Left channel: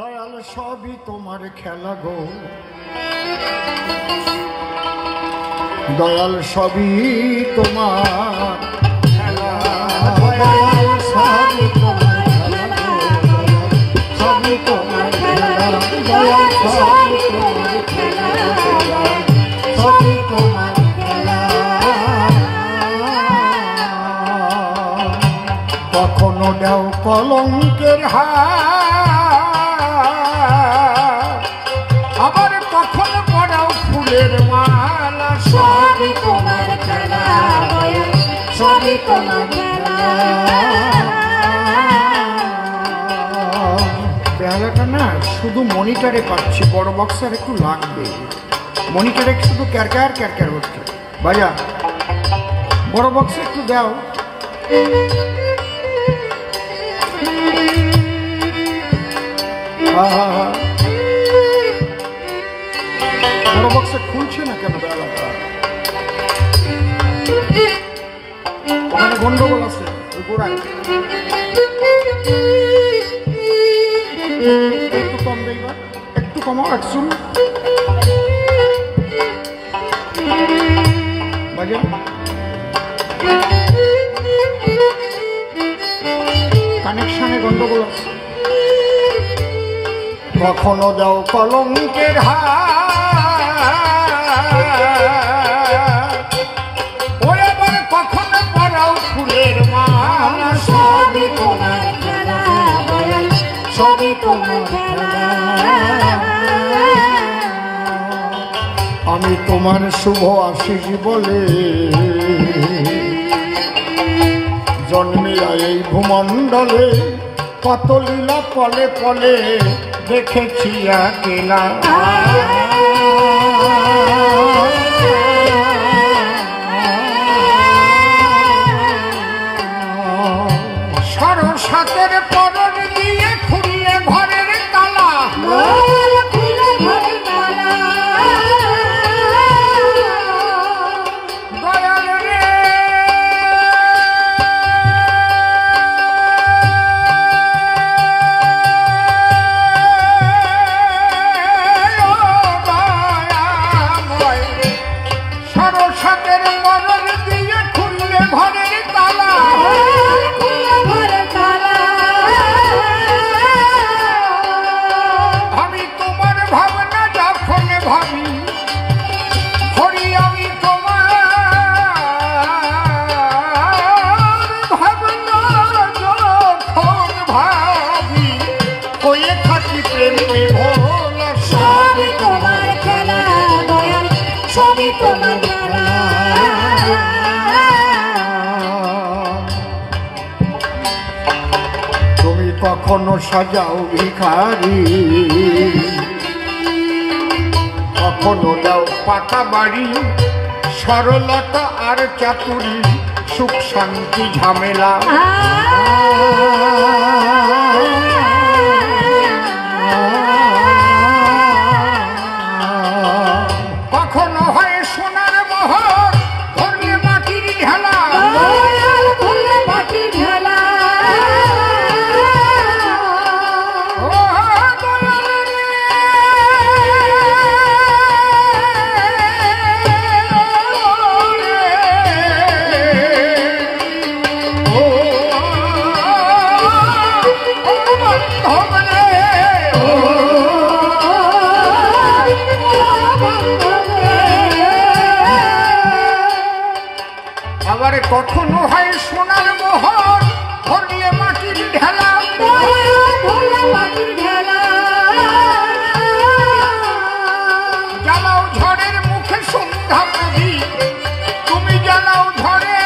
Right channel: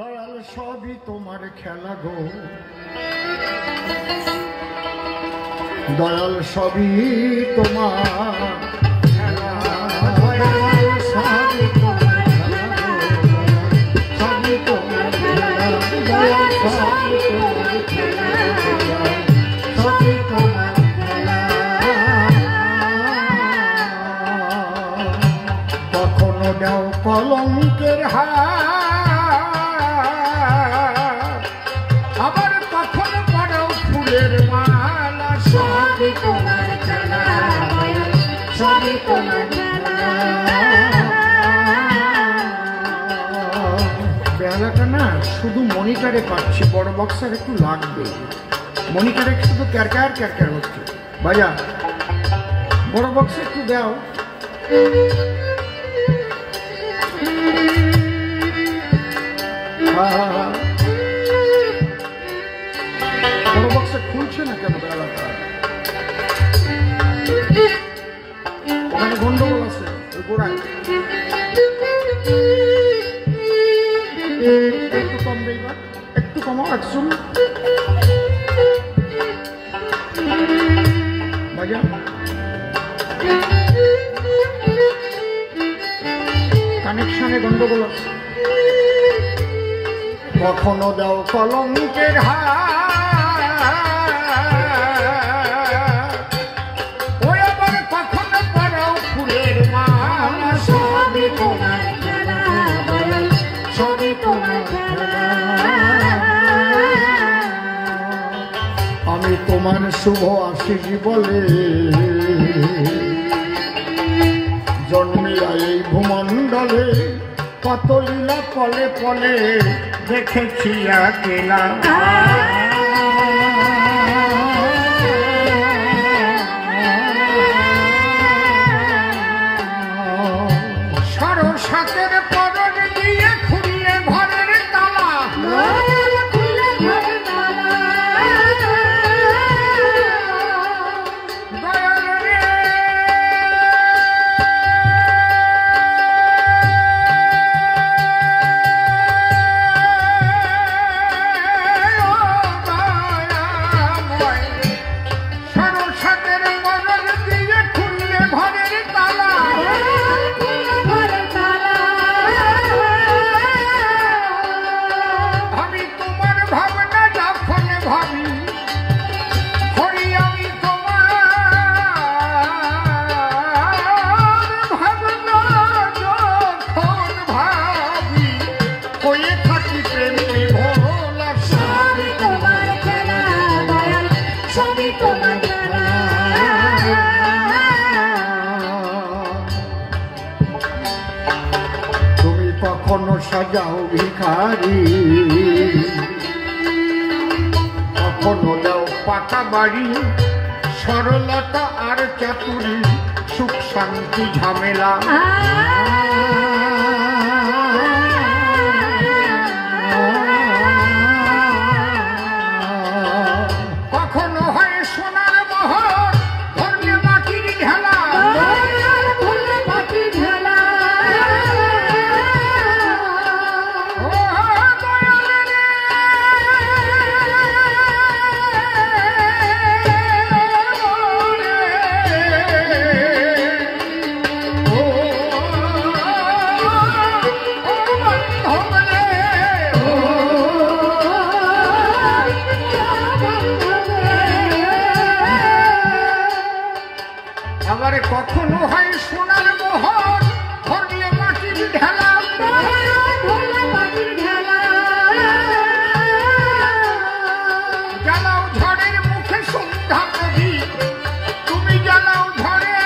দয়াল সবই তোমার খেলা গো, দয়াল সবই তোমার খেলা, দয়াল সবই তোমার খেলা গো, সবই তোমার খেলা, দয়াল সবই তোমার খেলা, সবই তোমার খেলা। কখনো দাও কলঙ্কের হাত, আবার কখনো পড়াও ফুলের মালা, সবই তোমার খেলা, সবই তোমার খেলা। বেলাটা না শুধু মনিটরে পাচ্ছি, বড় বক্সার একটু লাগবে, মনিটরে শুধু ক্যারক্যার ক্যারক্যার হচ্ছে। বাজা বড় বক্সে একটু দাও। বড় বক্সে খুলছে না কেন বেলাটা? ওখানে গন্ডগোল আছে ওই গোড়ায়, একটু কম দেইবা, একটু কমাও, একশো বাজা। কানেকশনে গন্ডগোল আছে। কখনো দাও কলঙ্কের হাত, ওই আবার কখনো পড়াও ফুলের মালা, সবই তোমার খেলা, সবই তোমার খেলা। আমি তোমার শুভ আশিস বলে জন্মিয়া এই ভূমণ্ডলে, কত লীলা পলে পলে দেখেছি একলা। সরসাতের পরন দিয়ে খুললে ঘরের তালা, দয়াল রে সরসাতের পরন দিয়ে খুললে ঘরের তালা, আমি তোমার ভাবনা যখন ভাবি, হরি আমি তোমার ভাবনা যখন ভাবি, হয়ে থাকি প্রেম বিভোল, সবই তোমার খেলা, দয়াল সবই তোমার খেলা। তুমি কখনো সাজাও ভিখারি, কখনো দাও পাকা বাড়ি, সরলতা আর চাতুরি, সুখ শান্তি ঝামেলা। কখনো হয় সোনার মোহর, ধরলে মাটির ঢেলা, ও দয়াল রে ও বান্ধব রে, আবার কখনো হয় সোনার মোহর, ধরলে মাটির ঢেলা, জ্বালাও ঝড়ের মুখে সন্ধ্যা প্রদীপ, তুমি জ্বালাও ঝড়ের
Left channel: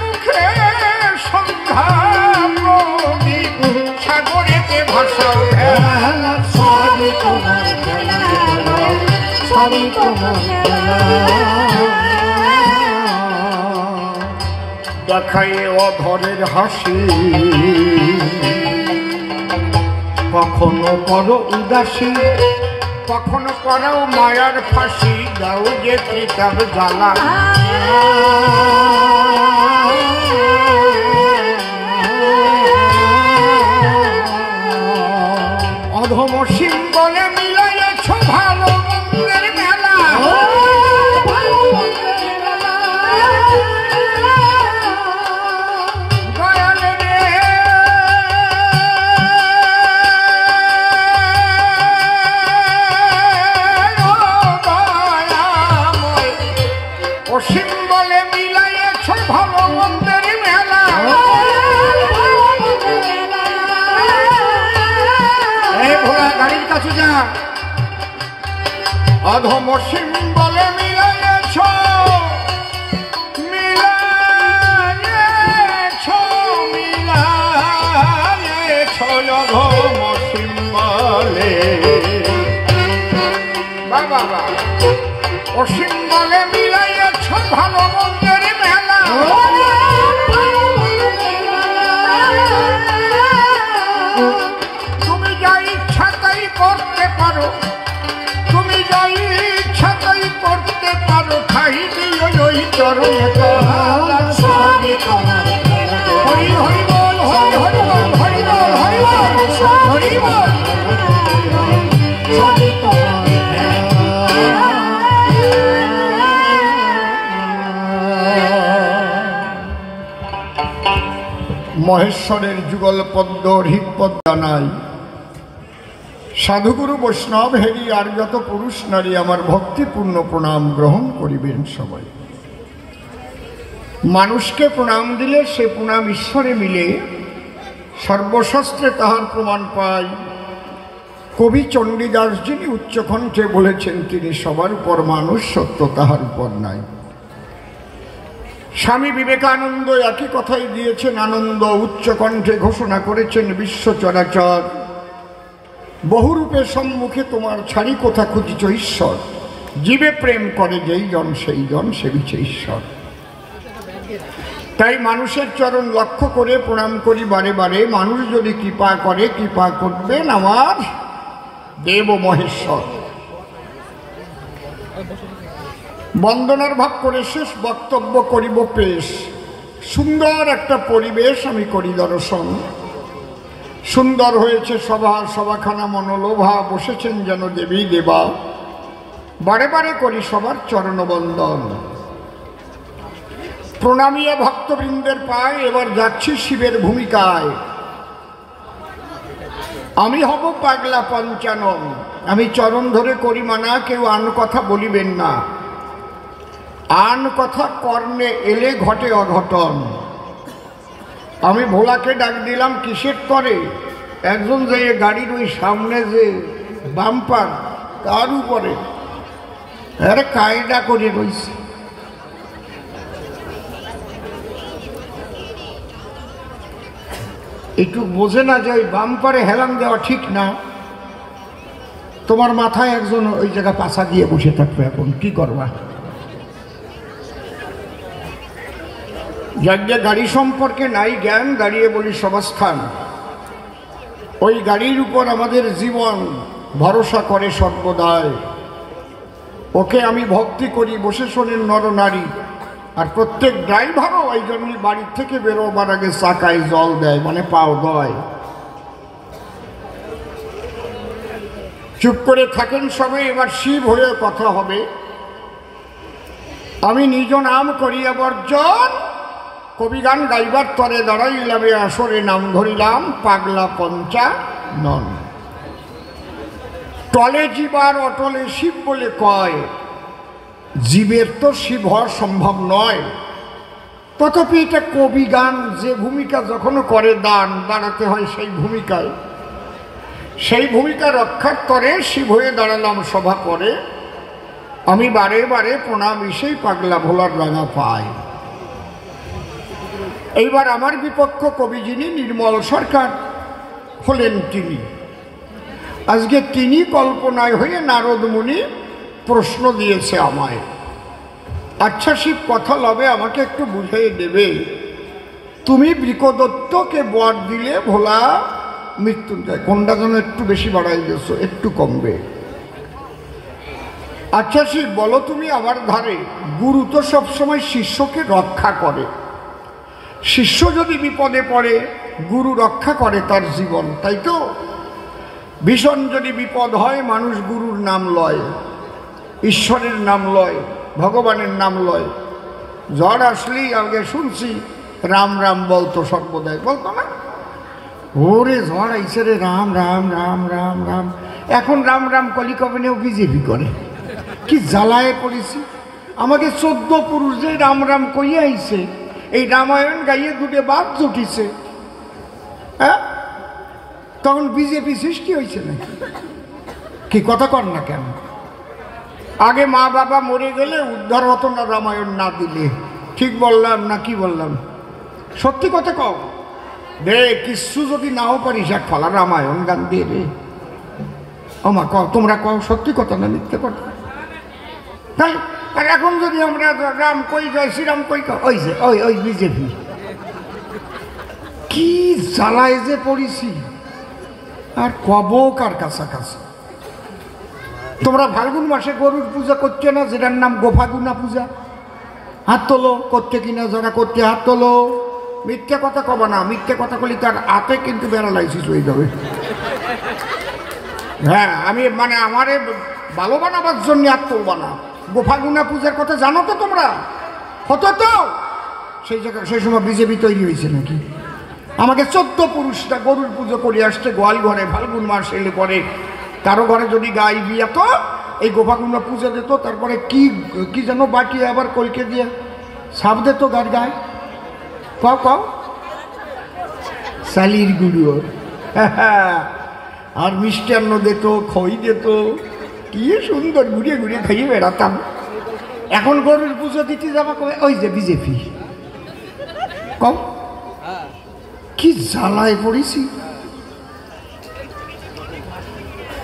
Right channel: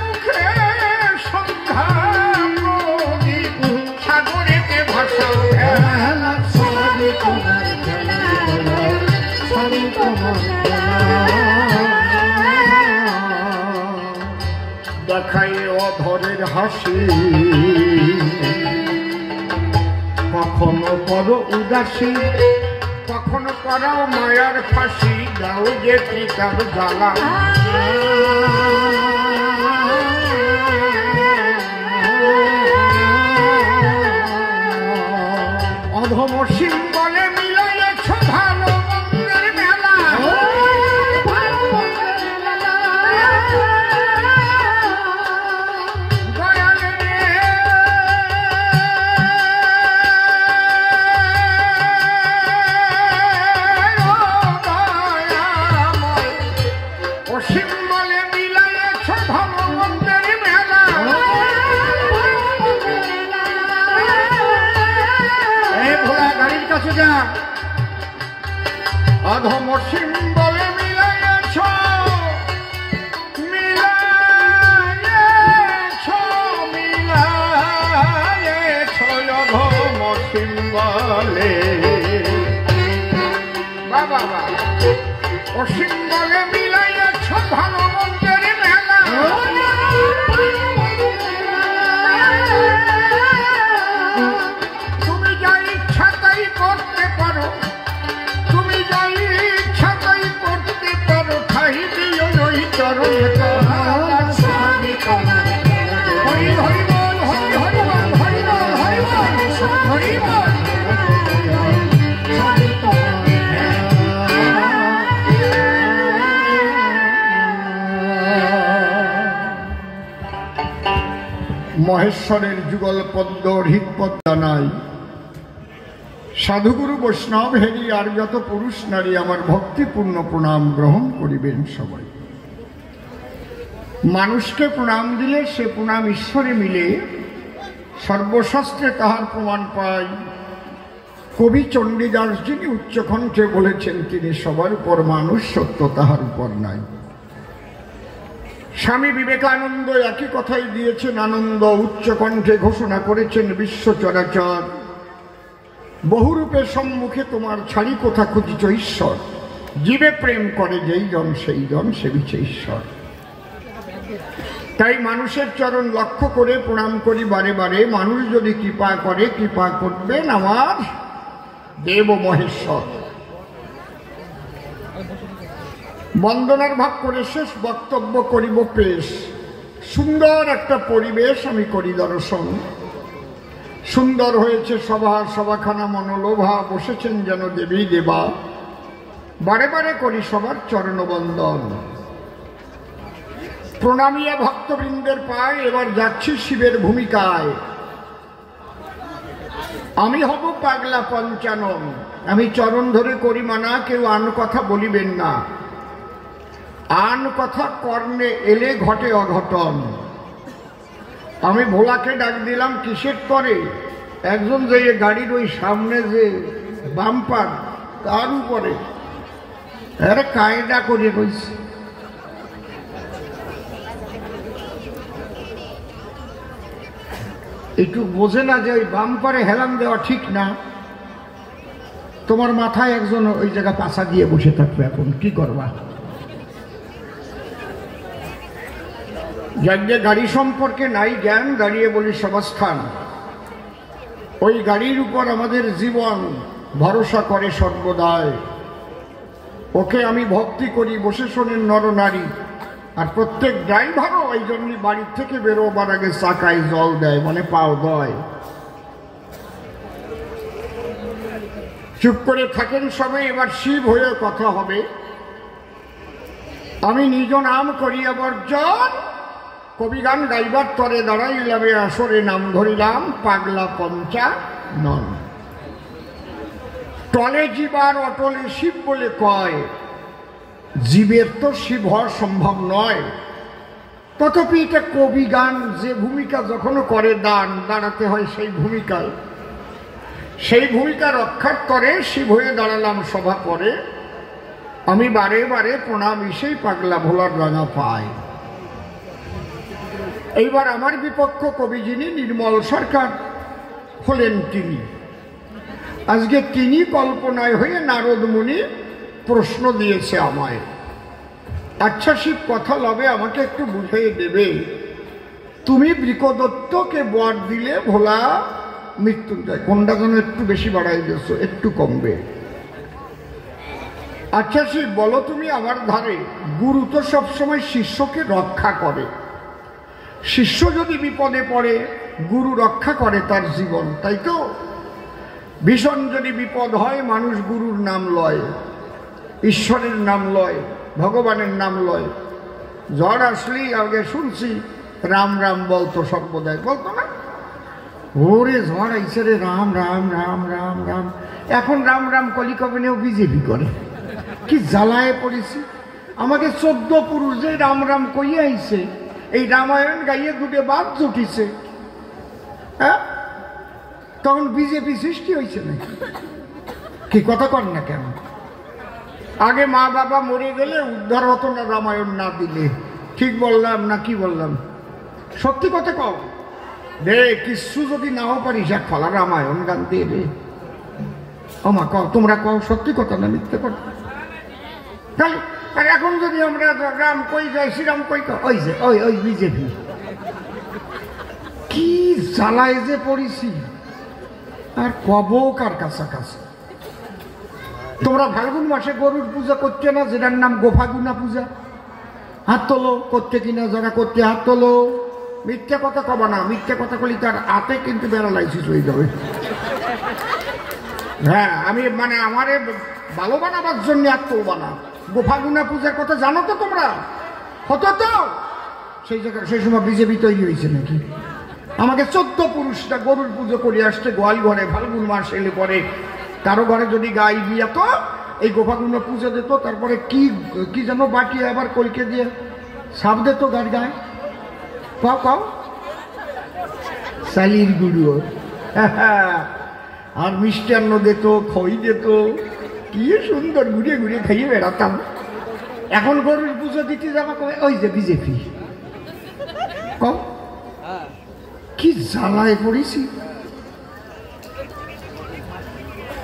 মুখে সন্ধ্যা প্রদীপ, সাগরেতে ভাসাও ভেলা, সবই তোমার খেলা, সবই তোমার খেলা। দেখায় অধরের হাসি, কখনো বড় উদাসী, কখনো করাও মায়ার ফাঁসি, দাও যে কিতাব জ্বালা। অধম সিম্বলে মিলাইয়েছ ভালো মন্দের মেলা। সিম্বলে মিলাইয়েছ ভালো মন্দের মেলা। এই ভোলা গাড়ির কাছে যা। অধম সিম্বলে মিলাইয়েছ মিলাইয়েছ মিলাইয়েছ অধম সিম্বলে। বাবা বা অসিম্বলে মিলাইয়েছ ভালো মন্দের মেলা। তুমি যা ইচ্ছা তাই করতে পারো, তুমি যা ইচ্ছা তাই করতে পারো, খাই দিও ওই চরণ তলা। হরি হরি বল, হরি হরি বল, হরি বল, হরি বল, হরি বল। মহেশ্বরের যুগল পদ্ম হৃৎপদ জানাই। সাধুগুরু বৈষ্ণব হেরি আর যত পুরুষ নারী আমার ভক্তিপূর্ণ প্রণাম গ্রহণ করিবেন সবাই। মানুষকে প্রণাম দিলে সে প্রণাম ঈশ্বরে মিলে, সর্বশাস্ত্রে তাহার প্রমাণ পায়। কবি চণ্ডীদাস যিনি উচ্চকণ্ঠে বলেছেন, তিনি সবার উপর মানুষ, সত্য তাহার উপর নাই। স্বামী বিবেকানন্দ একই কথাই দিয়েছেন আনন্দ, উচ্চকণ্ঠে ঘোষণা করেছেন বিশ্ব চরাচর। বহুরূপে সম্মুখে তোমার ছাড়ি কোথা খুঁজিছ ঈশ্বর, জীবে প্রেম করে যেই জন সেই জন সেবিছে ঈশ্বর। তাই মানুষের চরণ লক্ষ্য করে প্রণাম করি বারে বারে। মানুষ যদি কৃপা করে, কৃপা করবেন আমার দেব মহেশ্বর। বন্দনার ভাগ করে শেষ বক্তব্য করিব পেশ। সুন্দর একটা পরিবেশ আমি করি দর্শন। সুন্দর হয়েছে সভা, সভাখানা মনোলোভা, বসেছেন যেন দেবী দেবা। বারে বারে করি সবার চরণবন্দন। প্রণামিয়ে ভক্তবৃন্দের পায়, এবার যাচ্ছি শিবের ভূমিকায়। আমি হব পাগলা পঞ্চানন। আমি চরণ ধরে করি মানা, কেউ আন কথা বলিবেন না। আন কথা কর্ণে এলে ঘটে অঘটন। আমি ভোলাকে ডাক দিলাম কিসের করে, একজন যে গাড়ির ওই সামনে যে বাম্পার তার উপরে আরে কায়দা করে রয়েছে। একটু বোঝে না যে ওই বাম্পারে হেলান দেওয়া ঠিক না। তোমার মাথায় একজন ওই জায়গা পাশা দিয়ে বসে থাকবে, এখন কি করবা? যার যে গাড়ি সম্পর্কে নাই জ্ঞান, দাঁড়িয়ে বলি সবাস্থান। ওই গাড়ির উপর আমাদের জীবন ভরসা করে সর্বদাই। ওকে আমি ভক্তি করি, বসে শোনেন নরনারী। আর প্রত্যেক ড্রাইভারও ওই জন্যই বাড়ির থেকে বেরোবার আগে চাকায় জল দেয়, মানে পাও দেয়। চুপ করে থাকেন সবাই, এবার শিব হয়ে কথা হবে। আমি নিজ নাম করিয়া বর্জন, কবিগান গাইবার তরে দাঁড়াইলামে আসরে নাম ধরিলাম পাগলা পঞ্চানন। টলে জীবার অটলে শিব বলে কয়, জীবের তো শিব হওয়া সম্ভব নয়। তথাপি এটা কবিগান, যে ভূমিকা যখন করে দান দাঁড়াতে হয় সেই ভূমিকায়, সেই ভূমিকা রক্ষার তরে শিব হয়ে দাঁড়ালাম সভা করে। আমি বারে বারে প্রণাম ইসেই পাগলা ভোলার রাঙা পাই। এইবার আমার বিপক্ষ কবি যিনি নির্মল সরকার হলেন, তিনি আজকে তিনি কল্পনায় হয়ে নারদ মুনি প্রশ্ন দিয়েছে আমায়। আচ্ছা শিব কথা লবে, আমাকে একটু বুঝিয়ে দেবে, তুমি বৃকদত্তকে বর দিলে ভোলা মৃত্যুঞ্জয়, কোনটা যেন একটু বেশি বাড়াই দিয়েছো, একটু কমবে। আচ্ছা শিব বলো তুমি আমার ধারে, গুরু তো সবসময় শিষ্যকে রক্ষা করে। শিষ্য যদি বিপদে পড়ে, গুরু রক্ষা করে তার জীবন, তাই তো? ভীষণ যদি বিপদ হয় মানুষ গুরুর নাম লয়, ঈশ্বরের নাম লয়, ভগবানের নাম লয়। ঝড় আসলেই আগে শুনছি রাম রাম বলতো, সর্বদাই বলতো না? ওরে ঝড় আইসে রে, রাম রাম রাম রাম রাম। এখন রাম রাম কলিকবনেও বিজেপি করে। কি জ্বালায় পড়েছি। আমাকে 14 পুরুষ যে রাম রাম কইয়া আইছে, এই রামায়ণ গাইয়ে দুটে বাদ জুটিছে, হ্যাঁ? তখন বিজেপি সৃষ্টি হয়েছে নাকি? কি কথা কর না কেন? আগে মা বাবা মরে গেলে উদ্ধার হতো না রামায়ণ না দিলে। ঠিক বললাম না কি বললাম? সত্যি কথা কও রে, কিছু যদি নাও পারিস এক ফলা রামায়ণ গান দিয়ে রে। ওমা কও, তোমরা কও সত্যি কথা না মিথ্যে কথা? তাই আর এখন যদি আমরা রাম কই জয় শ্রীরাম কই, ওই যে ওই ওই বিজেপি। কি জ্বালায় যে পড়েছি, আর কব কার কাছাকাছি। তোমরা ফাল্গুন মাসে গরুর পূজা করছে না, যেটার নাম গোফাগুনা পূজা? হাত তোলো, করতে কিনা যারা করতে হাত তোলো। মিথ্যা কথা কবা না, মিথ্যা কথা বলি তার হাতে কিন্তু প্যারালাইসিস হয়ে যাবে। হ্যাঁ, আমি মানে আমারে ভালো বানাবার জন্য আর তুলবা না। গোফাগুনা পূজার কথা জানো তো তোমরা? হতো তো সেই জায়গায়, সেই সময় বিজেপি তৈরি হয়েছে নাকি? আমাকে 14 পুরুষটা গরুর পুজো করে আসছে গোয়াল ঘরে। ফাল্গুন মাস এলে পরে কারো ঘরে যদি গাই বিয়ে তো এই গোফাগুনা পূজা দিত। তারপরে কি কি যেন বাটি আবার কলকে দিয়ে সাপ দিত গার গায়ে। কও কও, শালির গুরু। আর মিষ্টান্ন দিত, খই দিত, কি সুন্দর ঘুরিয়ে ঘুরিয়ে খাইয়ে বেড়াতাম। এখন গরুর পুজো দিতে যাবো, ওই যে বিজেপি। কও কি জ্বালায় পড়েছি।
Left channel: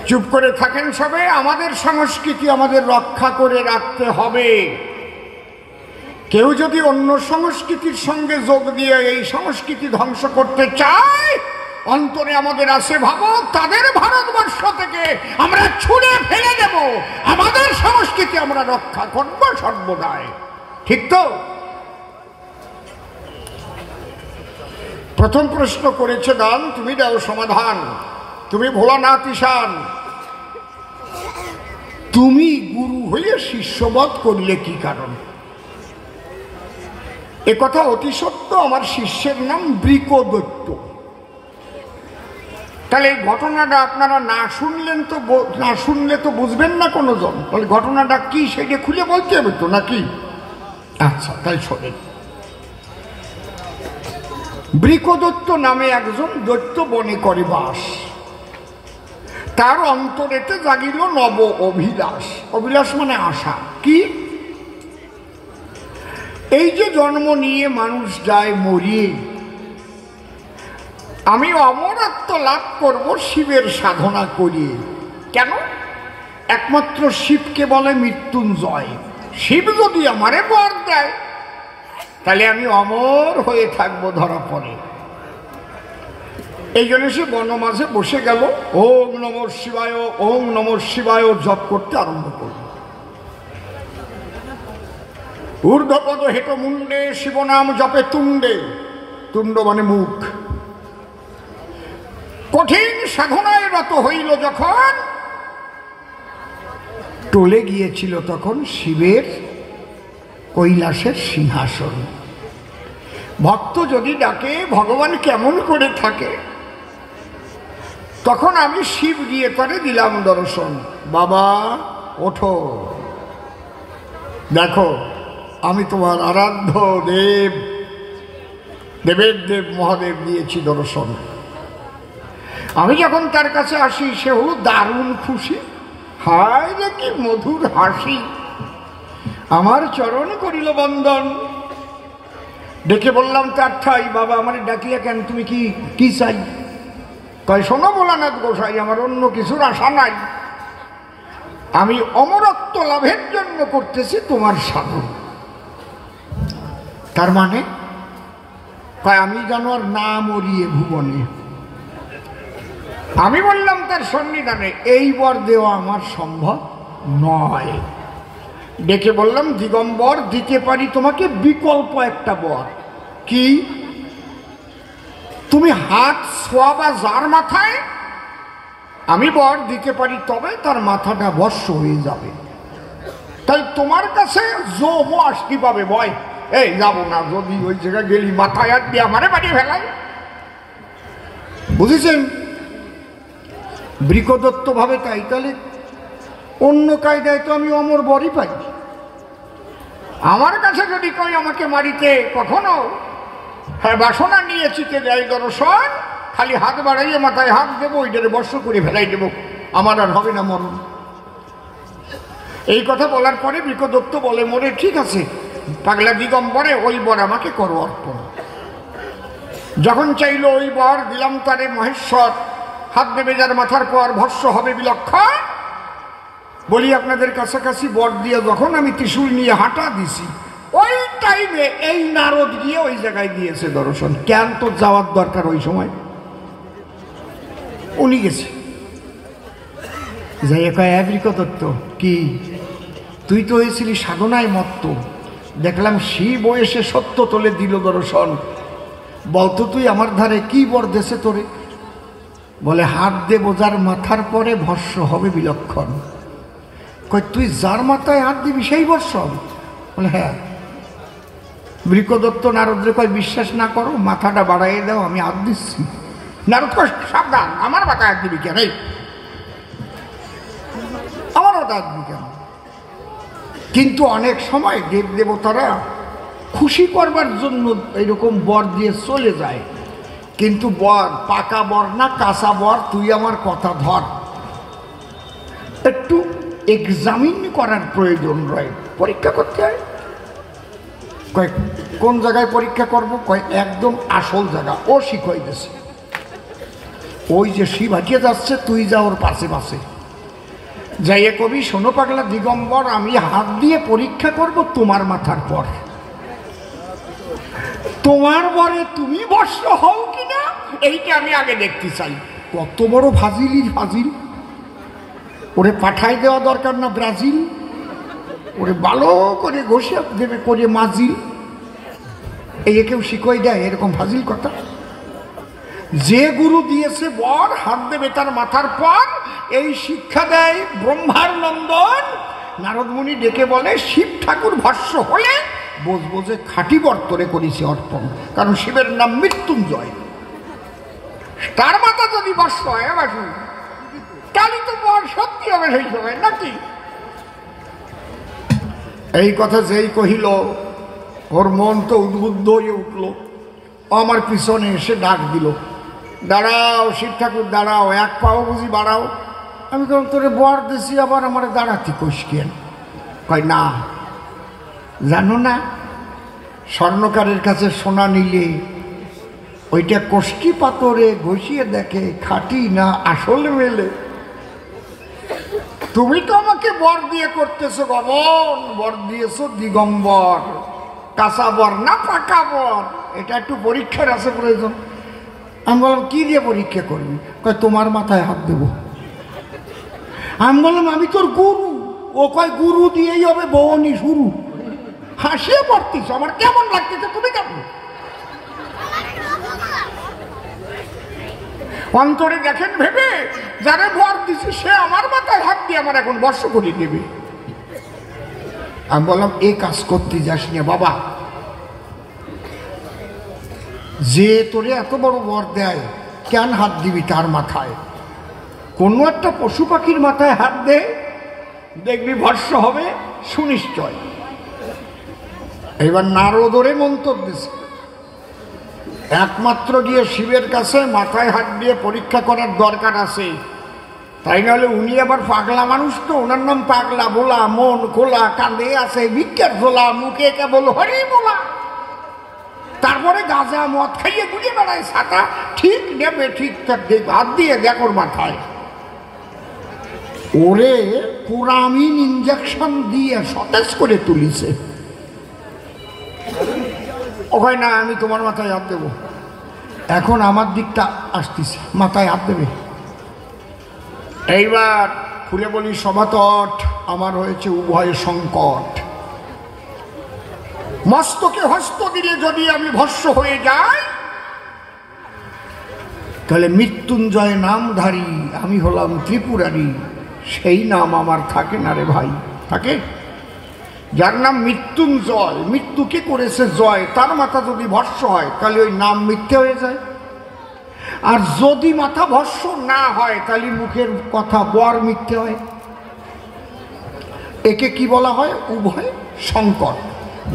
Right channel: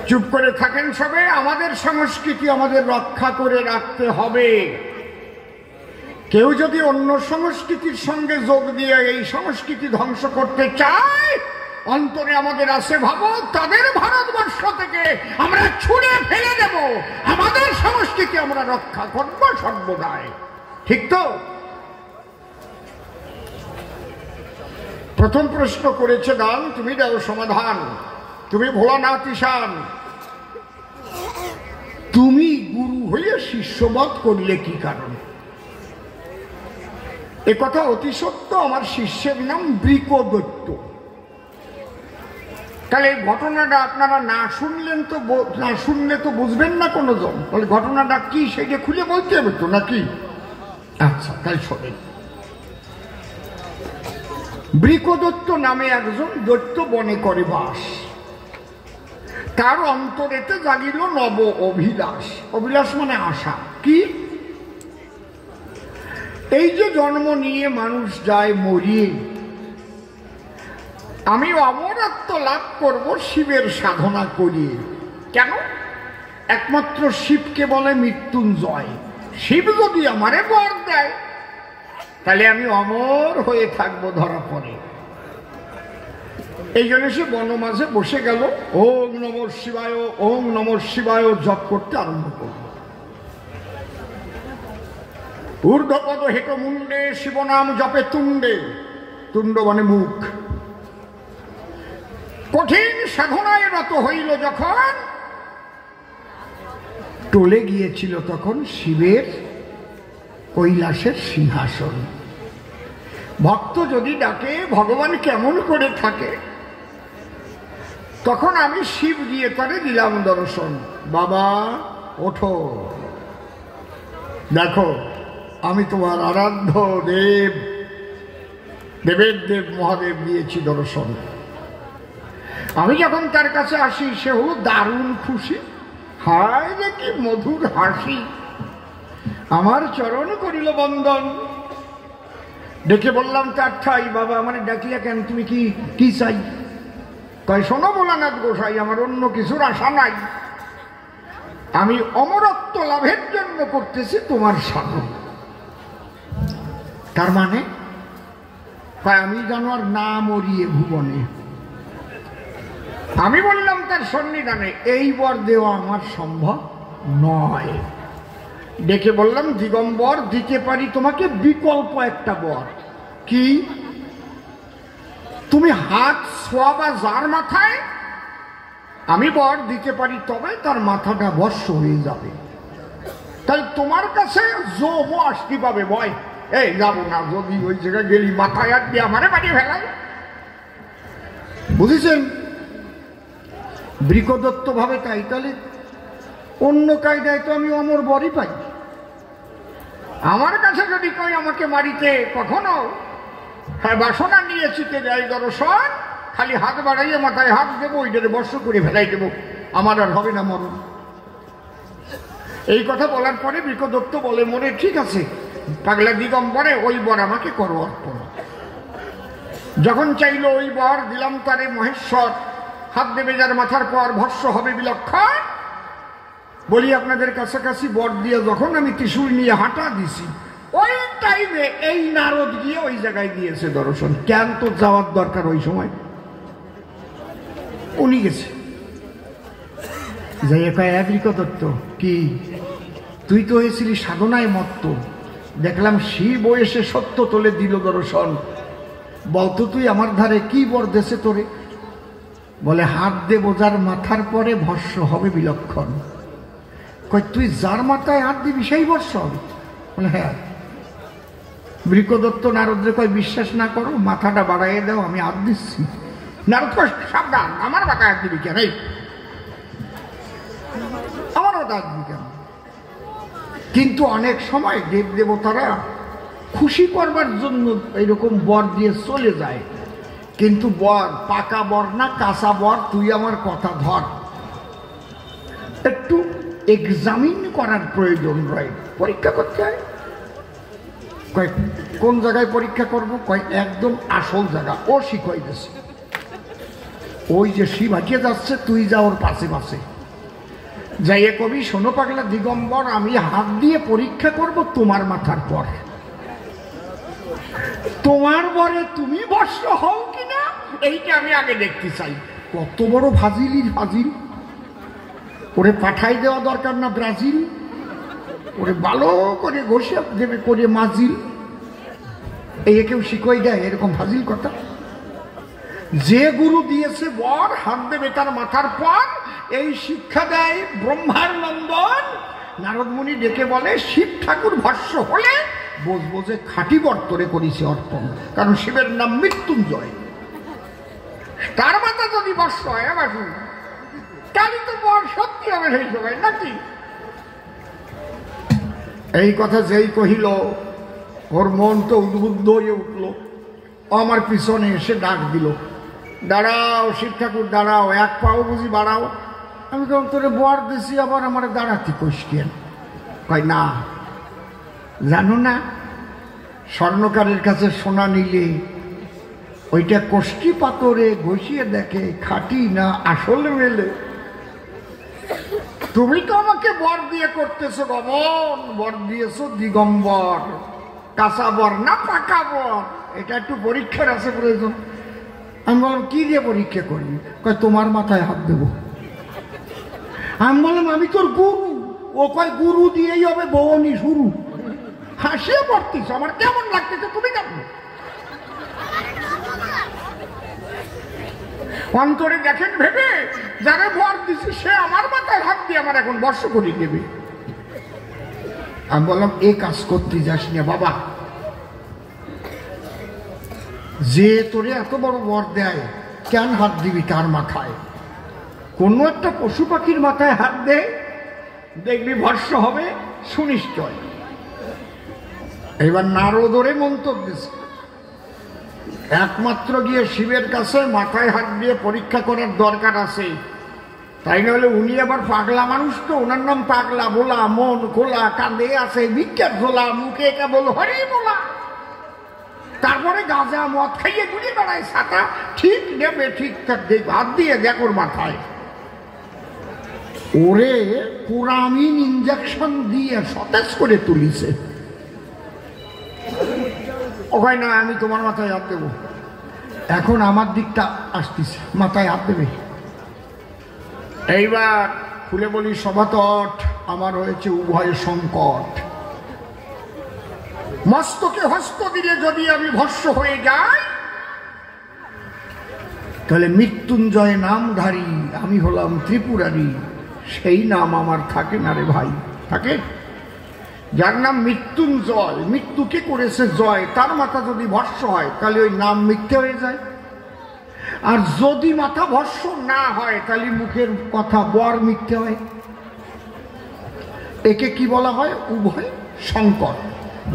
চুপ করে থাকেন সবে। আমাদের সংস্কৃতি আমাদের রক্ষা করে রাখতে হবে। কেউ যদি অন্য সংস্কৃতির সঙ্গে যোগ দিয়ে এই সংস্কৃতি ধ্বংস করতে চায়, অন্তরে আমাদের আছে ভাবো তাদের ভারতবর্ষ থেকে আমরা ছুঁড়ে ফেলে দেব। আমাদের সংস্কৃতি আমরা রক্ষা করব সর্বদাই। ঠিক তো? প্রথম প্রশ্ন করেছে দান, তুমি দাও সমাধান। তুমি ভোলানাথ ঈশান, তুমি গুরু হয়ে শিষ্যবধ করলে কি কারণ? এ কথা অতি সত্য। আমার শিষ্যের নাম বৃকদৈত্য। তাহলে এই ঘটনাটা আপনারা না শুনলে তো বুঝবেন না কোনো জন। তাহলে ঘটনাটা কি সেটা খুলে বলতে হবে তো নাকি? আচ্ছা, তাই শোনেন। বৃকদৈত্য নামে একজন দৈত্য বনে করে বাস। তার অন্তরেতে জাগিল নব অভিলাষ। অভিলাষ মানে আশা। কি? এই যে জন্ম নিয়ে মানুষ যায় মরিয়ে, আমি অমরত্ব লাভ করব শিবের সাধনা করিয়ে। কেন? একমাত্র শিবকে বলে মৃত্যুঞ্জয়। শিব যদি আমারে বর দেয় তাহলে আমি অমর হয়ে থাকবো ধরা পড়ে। এই জন্য সে বন মাঝে বসে গেল, ওম নমঃ শিবায় ওম নমঃ শিবায় জপ করতে আরম্ভ করল। ঊর্ধ্বপদ হেট মুন্ডে শিবনাম জপে তুণ্ডে। তুণ্ড মানে মুখ। কঠিন সাধনায় রত হইল যখন, টলে গিয়েছিল তখন শিবের কৈলাসের সিংহাসন। ভক্ত যদি ডাকে ভগবান কেমন করে থাকে, তখন আমি শিব গিয়ে করে দিলাম দর্শন। বাবা ওঠো, দেখো আমি তোমার আরাধ্য দেব, দেবের দেব মহাদেব দিয়েছি দর্শন। আমি যখন তার কাছে আসি সে হলো দারুণ খুশি। হায় রে কি মধুর হাসি। আমার চরণ করিল বন্দন। ডেকে বললাম তার ঠাই, বাবা আমার ডাকিয়া কেন, তুমি কি কি চাই? তাই শোনো ভোলানাথ গোসাই, আমার অন্য কিছুর আশা নাই। আমি অমরত্ব লাভের জন্য করতেছি তোমার সাধন। তার মানে আমি যেন আর না মরিয়ে ভুবনে। আমি বললাম তার সন্নিধানে, এই বর দেওয়া আমার সম্ভব নয়। ডেকে বললাম, দিগম্বর দিতে পারি তোমাকে বিকল্প একটা বর। কি? তুমি হাত ছোঁয়াবা যার মাথায় আমি বর দিতে পারি, তবে তার মাথাটা ভস্য হয়ে যাবে। তাই তোমার কাছে জমো আসতে পাবে ভয়, এই যাবো না, যদি ওই জায়গায় গেলি মাথায় হাত দিয়ে আমারে বাড়ি ফেলাই। বুঝেছেন? বৃকদত্ত ভাবে তাই, তাহলে অন্য কায়দায় তো আমি অমর বরই পাই। আমার কাছে যদি কই আমাকে মারিতে কখনো বাসনা নিয়ে চিতে যাই দর্শন, খালি হাত বাড়াইয়ে মাথায় হাত দেবো, ওইটারে বর্ষ করে ফেলাই দেবো, আমার আর হবে না মরণ। এই কথা বলার পরে বৃকদত্ত বলে, মরে ঠিক আছে পাগলা দিগম্বরে, ওই বর আমাকে করো অর্পণ। যখন চাইল ওই বর দিলাম তারে মহেশ্বর, হাত দেবে যার মাথার পর ভস্য হবে বিলক্ষণ। বলি আপনাদের কাছাকাছি বর দিয়ে যখন আমি ত্রিশূল নিয়ে হাঁটা দিছি, ওই টাইমে এই নারদ গিয়ে ওই জায়গায় দিয়েছে দর্শন। কেন তো যাওয়ার দরকার ওই সময়, উনি গেছে। যাই কয়, বৃকদত্ত কি তুই তো হয়েছিলি সাধনায় মত্ত, দেখলাম শিব এসে সত্য তোলে দিল দর্শন, বলতো তুই আমার ধারে কি বর দেশে তোরে? বলে, হাত দেব যার মাথার পরে ভস্য হবে বিলক্ষণ। কয়, তুই যার মাথায় হাত দিবি সেই ভস্য হবে? বলে, হ্যাঁ। বৃকদত্ত নারদরে কয়, বিশ্বাস না করো, মাথাটা বাড়াইয়ে দাও, আমি হাত দিচ্ছি। নারদ কয়, সাবধান, আমার মাথায় হাত দিবি কেন? আমার মাথায় হাত দিবি কেন? কিন্তু অনেক সময় দেব দেবতারা খুশি করবার জন্য এরকম বর দিয়ে চলে যায়। কিন্তু বর পাকা বর না কাঁচা বর, তুই আমার কথা ধর, একটু এক্সামিন করার প্রয়োজন রয়, পরীক্ষা করতে হয়। কয়, কোন জায়গায় পরীক্ষা করব? কয়, একদম আসল জায়গা। ও শিখাই গেছে, ওই যে শিব হাঁটিয়ে যাচ্ছে, তুই যা ওর পাশে পাশে যাইয়ে কবি, শোনো পাগলা দিগম্বর, আমি হাত দিয়ে পরীক্ষা করব তোমার মাথার পর, তোমার বরে তুমি বর্ষ হও কিনা এইটা আমি আগে দেখতে চাই। কত বড় ফাজিলির ফাজিল! ওরে পাঠাই দেওয়া দরকার না ব্রাজিল, ওরে ভালো করে ঘষে দেবে করে মাজিল। এই কেউ শিখাই দেয় এরকম ফাজিল কথা? যে গুরু দিয়েছে বর হাত দেবে তার মাথার পর, এই শিক্ষা দেয় ব্রহ্মার নন্দন। নারদ মুনি ডেকে বলে, শিব ঠাকুর ভস্য হলে বুঝবো যে খাঁটি বর্তরে করেছে অর্পণ, কারণ শিবের নাম মৃত্যুঞ্জয়। তার মাথা যদি ভস্য হয় তাহলে তো বর সত্যি হবে সেই সময় নাকি? এই কথা যেই কহিল, ওর মন তো উদ্বুদ্ধ হয়ে উঠল। আমার পিছনে এসে ডাক দিল, দাঁড়াও শিব ঠাকুর দাঁড়াও, এক পাও বুঝি বাড়াও। আমি কেমন তোরে বর দিছি, আবার আমার দাঁড়াতে কষকেন? কয়, না জানো না, স্বর্ণকারের কাছে সোনা নিলে ওইটা কষ্টি পাথরে ঘষিয়ে দেখে খাঁটি না আসল মেলে। তুমি তো আমাকে বর দিয়ে করতেছো গমন, বর দিয়েছো দিগম্বর, কাঁচা বর না পাকা বর, এটা একটু পরীক্ষার আছে প্রয়োজন। আমি বললাম, কি দিয়ে পরীক্ষা করবি? কয়, তোমার মাথায় হাত দেব। আমি বললাম, আমি তোর গুরু। ও কয়, গুরু দিয়েই হবে বউনি শুরু। হাসিয়ে পড়তিস, আমার কেমন লাগতেছে তুমি কেমন? অন্তরে দেখেন ভেবে, যারা বর দিছে সে আমার মাথায় হাত দিয়ে আমার এখন বর্ষ করে দেবে। আমি বললাম, এই কাজ করতে যাস না বাবা, যে তোরে এত বড় বর দেয় কেন হাত দিবি তার মাথায়? কোনো একটা পশু পাখির মাথায় হাত দে, দেখবি ভস্য হবে সুনিশ্চয়। এবার নারদরে মন্তব্য দিচ্ছে, একমাত্র গিয়ে শিবের কাছে মাথায় হাত দিয়ে পরীক্ষা করার দরকার আছে, তাই নাহলে উনি আবার পাগলা মানুষ তো, ওনার নাম পাগলা ভোলা, মন খোলা, কাঁদে আছে বিজ্ঞান ভোলা, মুখে কেবল হরি বলা, তারপরে গাঁজা মদ খাইয়ে ঘুরে বেড়ায় ছাতা, ঠিক নেবে ঠিক হাত দিয়ে দেখোর মাথায়। ওরে পুরামিন ইঞ্জেকশন দিয়ে সতেজ করে তুলিছে। ওখানে না, আমি তোমার মাথায় হাত দেবো। এখন আমার দিকটা আসতেছে, মাথায় হাত দেবে। এইবার খুলে বলি, সভাতট আমার হয়েছে উভয় সংকট। মস্তকে হস্ত দিলে যদি আমি ভস্য হয়ে যাই, তাহলে মৃত্যুঞ্জয় নামধারী আমি হলাম ত্রিপুরারি, সেই নাম আমার থাকে না রে ভাই। থাকে? যার নাম মৃত্যুঞ্জয়, মৃত্যুকে করেছে জয়, তার মাথা যদি ভস্য হয় তাহলে ওই নাম মিথ্যে হয়ে যায়। আর যদি মাথা ভস্য না হয় তাহলে মুখের কথা বর মিথ্যে হয়। একে কি বলা হয়? উভয় সংকর।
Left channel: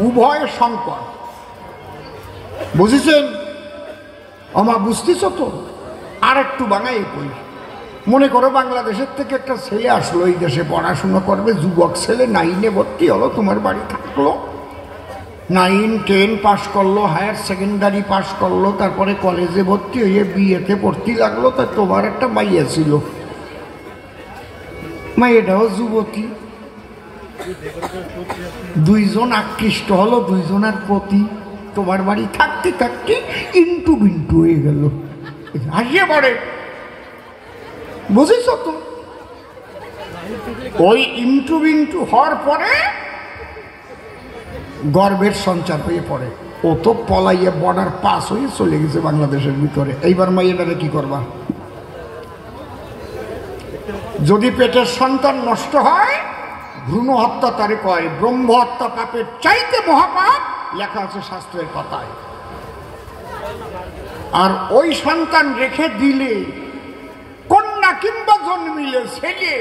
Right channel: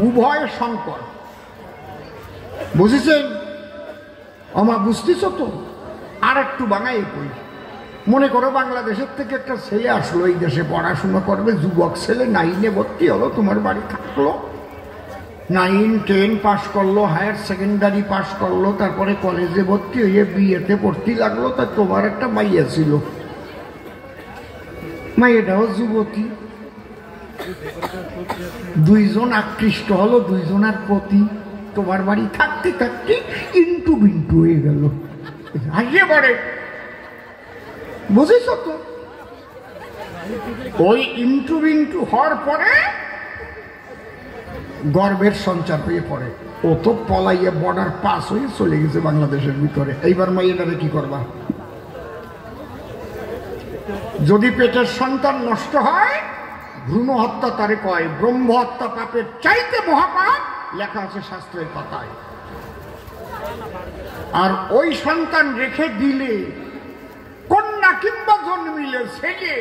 উভয় সংকর, বুঝেছেন? আমার বুঝতেছ তো? আর একটু বাঙাই কই। মনে করো বাংলাদেশের থেকে একটা ছেলে আসলো, এই দেশে পড়াশুনো করবে, যুবক ছেলে, 9-এ ভর্তি হলো, তোমার বাড়ি থাকলো, 9-10 পাশ করলো, হায়ার সেকেন্ডারি পাশ করলো, তারপরে কলেজে ভর্তি হয়ে বিয়েতে ভর্তি লাগলো। তা তোমার একটা মাইয়া ছিল, মাইয়াটাও যুবতী, দুইজন আকৃষ্ট হলো দুইজনের প্রতি, তোমার বাড়ি থাকতে থাকতে ইন্টু বিন্টু হয়ে গেল। হাসিয়ে পড়ে, বুঝেছ তো? ওই ইন্টু বিন্টু হওয়ার পরে গর্ভের সঞ্চার হয়ে পড়ে। ও তো পলাইয়ে বর্ডার পাস হয়ে চলে গেছে বাংলাদেশের ভিতরে। এইবার মাইয়েটারে কি করবা? যদি পেটের সন্তান নষ্ট হয়, ভ্রূণ হত্যা তারে কয় ব্রহ্ম হত্যা পাপের চাইতে মহাপাপ, লেখা আছে শাস্ত্রের পাতায়। আর ওই সন্তান রেখে দিলে, কন্যা কিংবা জন্মিলে ছেলে,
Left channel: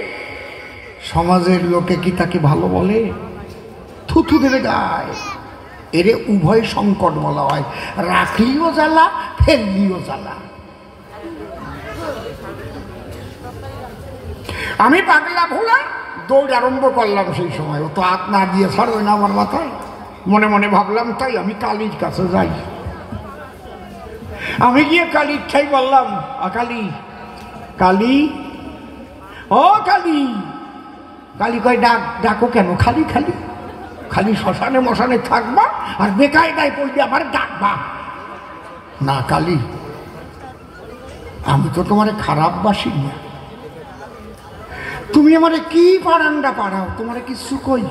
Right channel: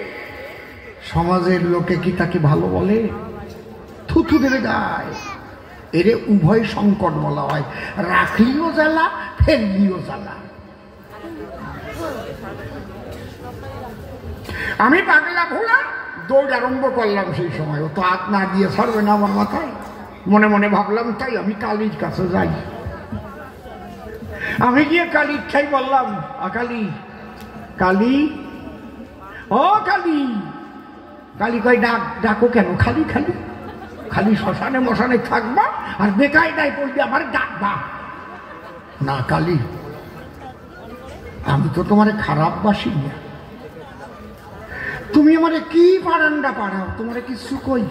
সমাজের লোকে কি তাকে ভালো বলে? থুথু দেবে গায়ে। এরে উভয় সংকট বলা হয়। রাখলিও জ্বালা, ফেললিও জ্বালা। আমি পাগলা ভোলা দৌড় আরম্ভ করলাম। সেই সময় ও তো হাত না দিয়ে ছাড়বে না আমার মাথায়। মনে মনে ভাবলাম তাই আমি কালীর কাছে যাই। আমি গিয়ে কালীর ঠাই বললাম, কালী, কালী, ও কালী। কালী কয় ডাক, ডাকো কেন? খালি খালি খালি শ্মশানে মশানে থাকবা আর বেকায়দায় পড়বি আমার ডাকবা না? কালী, আমি তো তোমারে খারাপ বাসি না, তুমি আমারে কি পারান্ডা পাড়াও, তোমারে কিছু কই?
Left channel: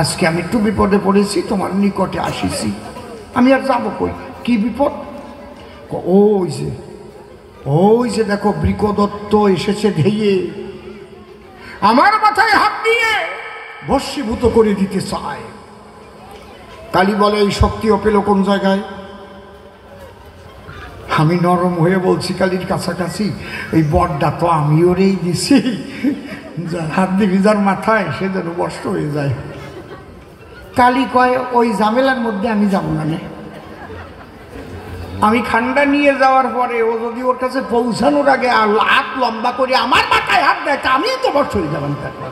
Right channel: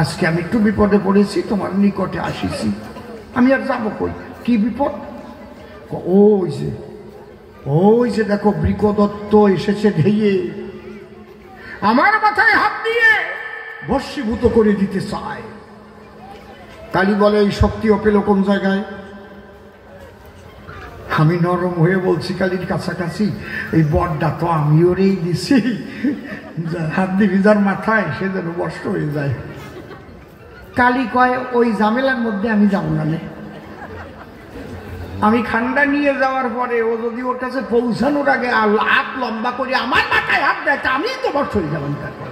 আজকে আমি একটু বিপদে পড়েছি, তোমার নিকটে আসিছি, আমি আর যাবো কই? কি বিপদ? ওই যে দেখো বৃকদত্ত এসেছে ধেয়ে আমার মাথায় হাত দিয়ে ভস্মীভূত করে দিতে চায়। কালী বলে, এই শক্তি ও পেল কোন জায়গায়? আমি নরম হয়ে বলছি কালীর কাছাকাছি, এই বরটা তো আমি ওরেই দিছি, হাত দিবি যার মাথায় সে যেন বস্ত হয়ে যায়। কালী কয়, ওই ঝামেলার মধ্যে আমি যাবো না। আমি খান্ডা নিয়ে যাওয়ার পরে ও যদি ওর কাছে পৌঁছানোর আগে হাত লম্বা করে আমার মাথায় হাত দেয়, আমি তো বস্ত হয়ে যাবেন। তারপর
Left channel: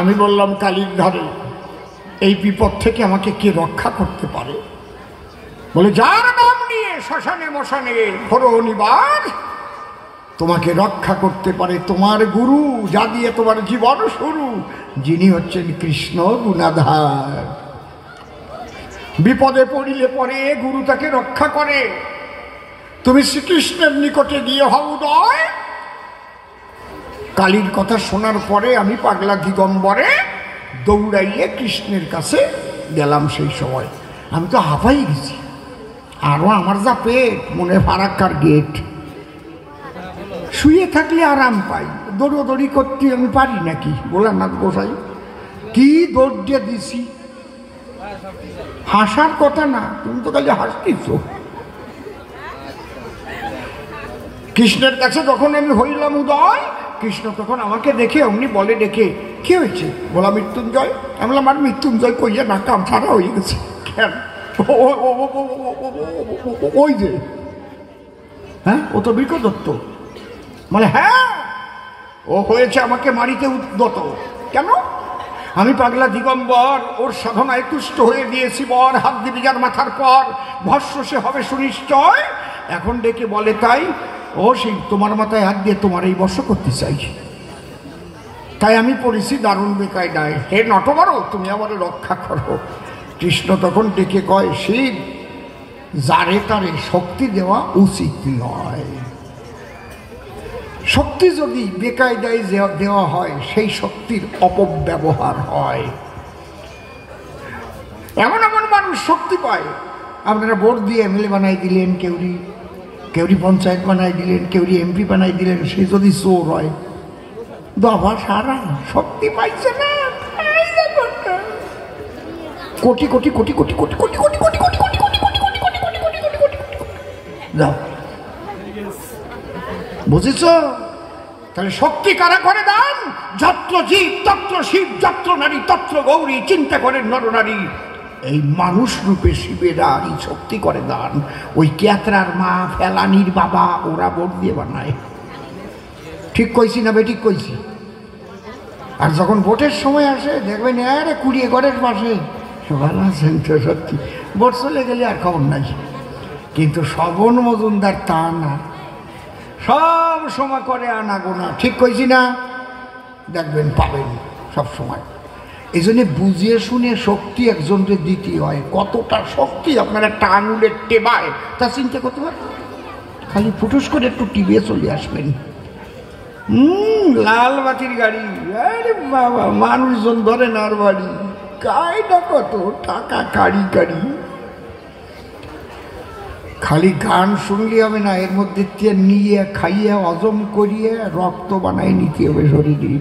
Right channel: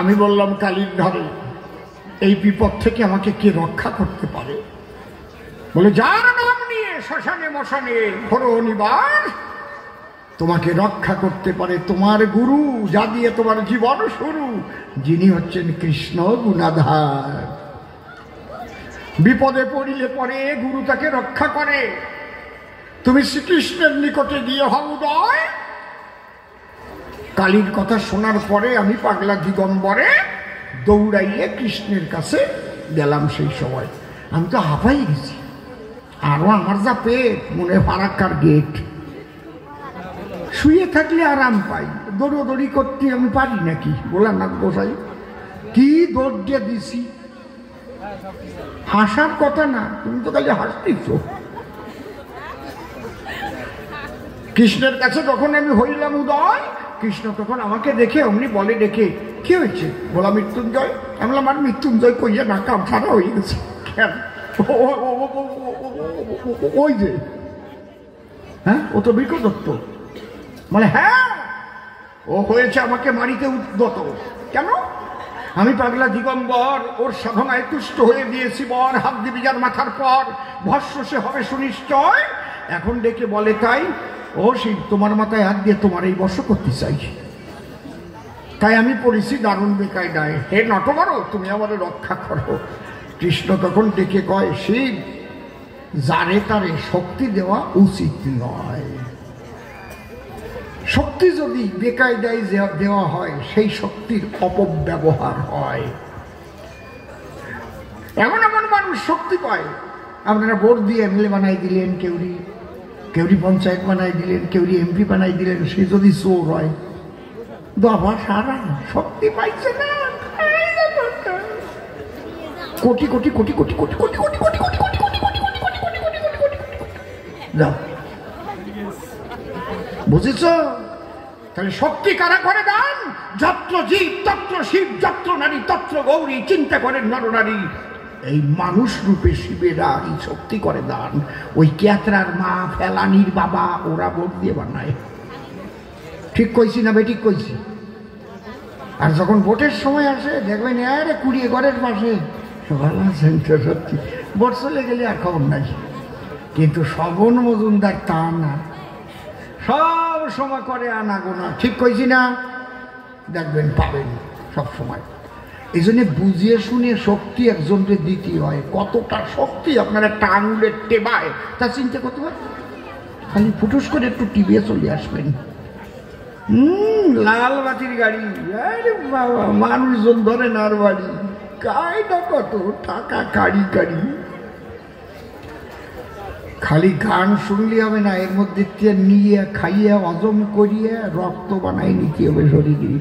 আমি বললাম, কালীর ধারে এই বিপদ থেকে আমাকে কে রক্ষা করতে পারে? বলে, যার নাম নিয়ে শ্মশানে মশানে ঘোরো নিবার, তোমাকে রক্ষা করতে পারে তোমার গুরু, যা দিয়ে তোমার জীবন শুরু, যিনি হচ্ছেন কৃষ্ণ গুণাধার। বিপদে পড়িলে পরে গুরু তাকে রক্ষা করে। তুমি শ্রীকৃষ্ণের নিকটে গিয়ে হও উদয়। কালীর কথা শোনার পরে আমি পাগলা দিগম্বরে দৌড়াইয়ে কৃষ্ণের কাছে গেলাম। সেই সময় আমি তো হাঁপাই গেছি, আরো আমার যা পেট, মনে ফারাক্কার গেট। শুয়ে থাকলে আরাম পাই, দৌড়োদৌড়ি করতে আমি পারি নাকি? ভোলানাথ গোসাই কি দৌড় দিয়ে দিছি। হাসার কথা না, তুমি তো খালি হাসতেছ। কৃষ্ণের কাছে যখন আমি হইলাম উদয়, কৃষ্ণ তখন আমাকে দেখে অমনি বলে, ডেকে, কি হয়েছে? বলা, মৃত্যুঞ্জয়। আমি বললাম, আর মৃত্যুঞ্জয় কইয়া না, কাম ছাড়া হয়ে গেছে। কেন? ওই যে, হ্যাঁ, ও তো বৃকদত্ত। মানে হ্যাঁ, ও হয়েছে আমাকে মারিতে উদ্যত। কেন? আমি পাগলা দিগম্বর ওর সাধনায় তুষ্ট হয়ে দিয়েছি। বর হাত দিবি যার মাথার পর, ভস্য সে হবে সুনিশ্চয়। এখন ডেকে বলে, তাই ও সেই তোমার মাথায় হাত দিয়ে তোমার এই বর্ষ করতে চাই। তাই আমি পড়েছি দারুণ বেকায়দায়। হে নটবর, তুমি আমাদের রক্ষা করো। কৃষ্ণ তখন ডেকে কয়, শিব, যারে তারে শক্তি দেওয়া উচিত নয়। শক্তি যদি বেকায়দায় দেওয়া হয়, সেই শক্তির অপব্যবহার হয়। এমন এমন মানুষ শক্তি পায়। আপনারা ভোট দিয়ে এমএলএ বানাই দিলেন, কেউরি পঞ্চায়েত বানাই দিলেন, কেউরি এমপি বানাই দিলেন, সে যদি চোর হয় দফা সারা শক্তি পাইছে না। কোটি কোটি কোটি কোটি কোটি কোটি কোটি কোটি কোটি কোটি কোটি কোটি কোটি কোটি কোটি কোটি কোটি কোটি কোটি যাও, বুঝেছ? তাহলে শক্তি কারা করে দান? যত্র জীব তত্র শিব, যত্র নারী তত্র গৌরী, চিন্তা করেন নরনারী। এই মানুষ রূপে শিবেরা এই শক্তি করে দান। ওই ক্যাতরার মা, ফেলানির বাবা, ওরা ভোট দিয়ে বানায়। ঠিক কইছি না বেঠিক কইছি? আর যখন ভোটের সময় আসে দেখবেন আরে কুড়িয়ে ঘরের পাশে ভালো আছেন তো, সত্যি ভোট চলে গেলে আর খবর নাই। কিন্তু শ্রবণ মজুমদার তা না, সব সময় করে আনাগোনা। ঠিক কইছি না? দেখবেন পাবেন সব সময়। এই জন্য বুঝিয়ে শুনে শক্তি একজনকে দিতে হয়। কতটা শক্তি আপনার একটা আঙুলের টেবায় তা চিন্তা করতে পারেন। খালি ফুটুস করে একটু টিভিয়ে চলে আসবেন, লাল বাতির গাড়ি, আরে বাবা মানুষজন ধরে নার বাড়ি, কায়দা কত টাকা কারি কারি। খালি গান শুনলে হবে না, এর মধ্যে নিয়ে খাইয়ে হজম করিয়ে রক্ত বানাই নিতে হবে শরীরে।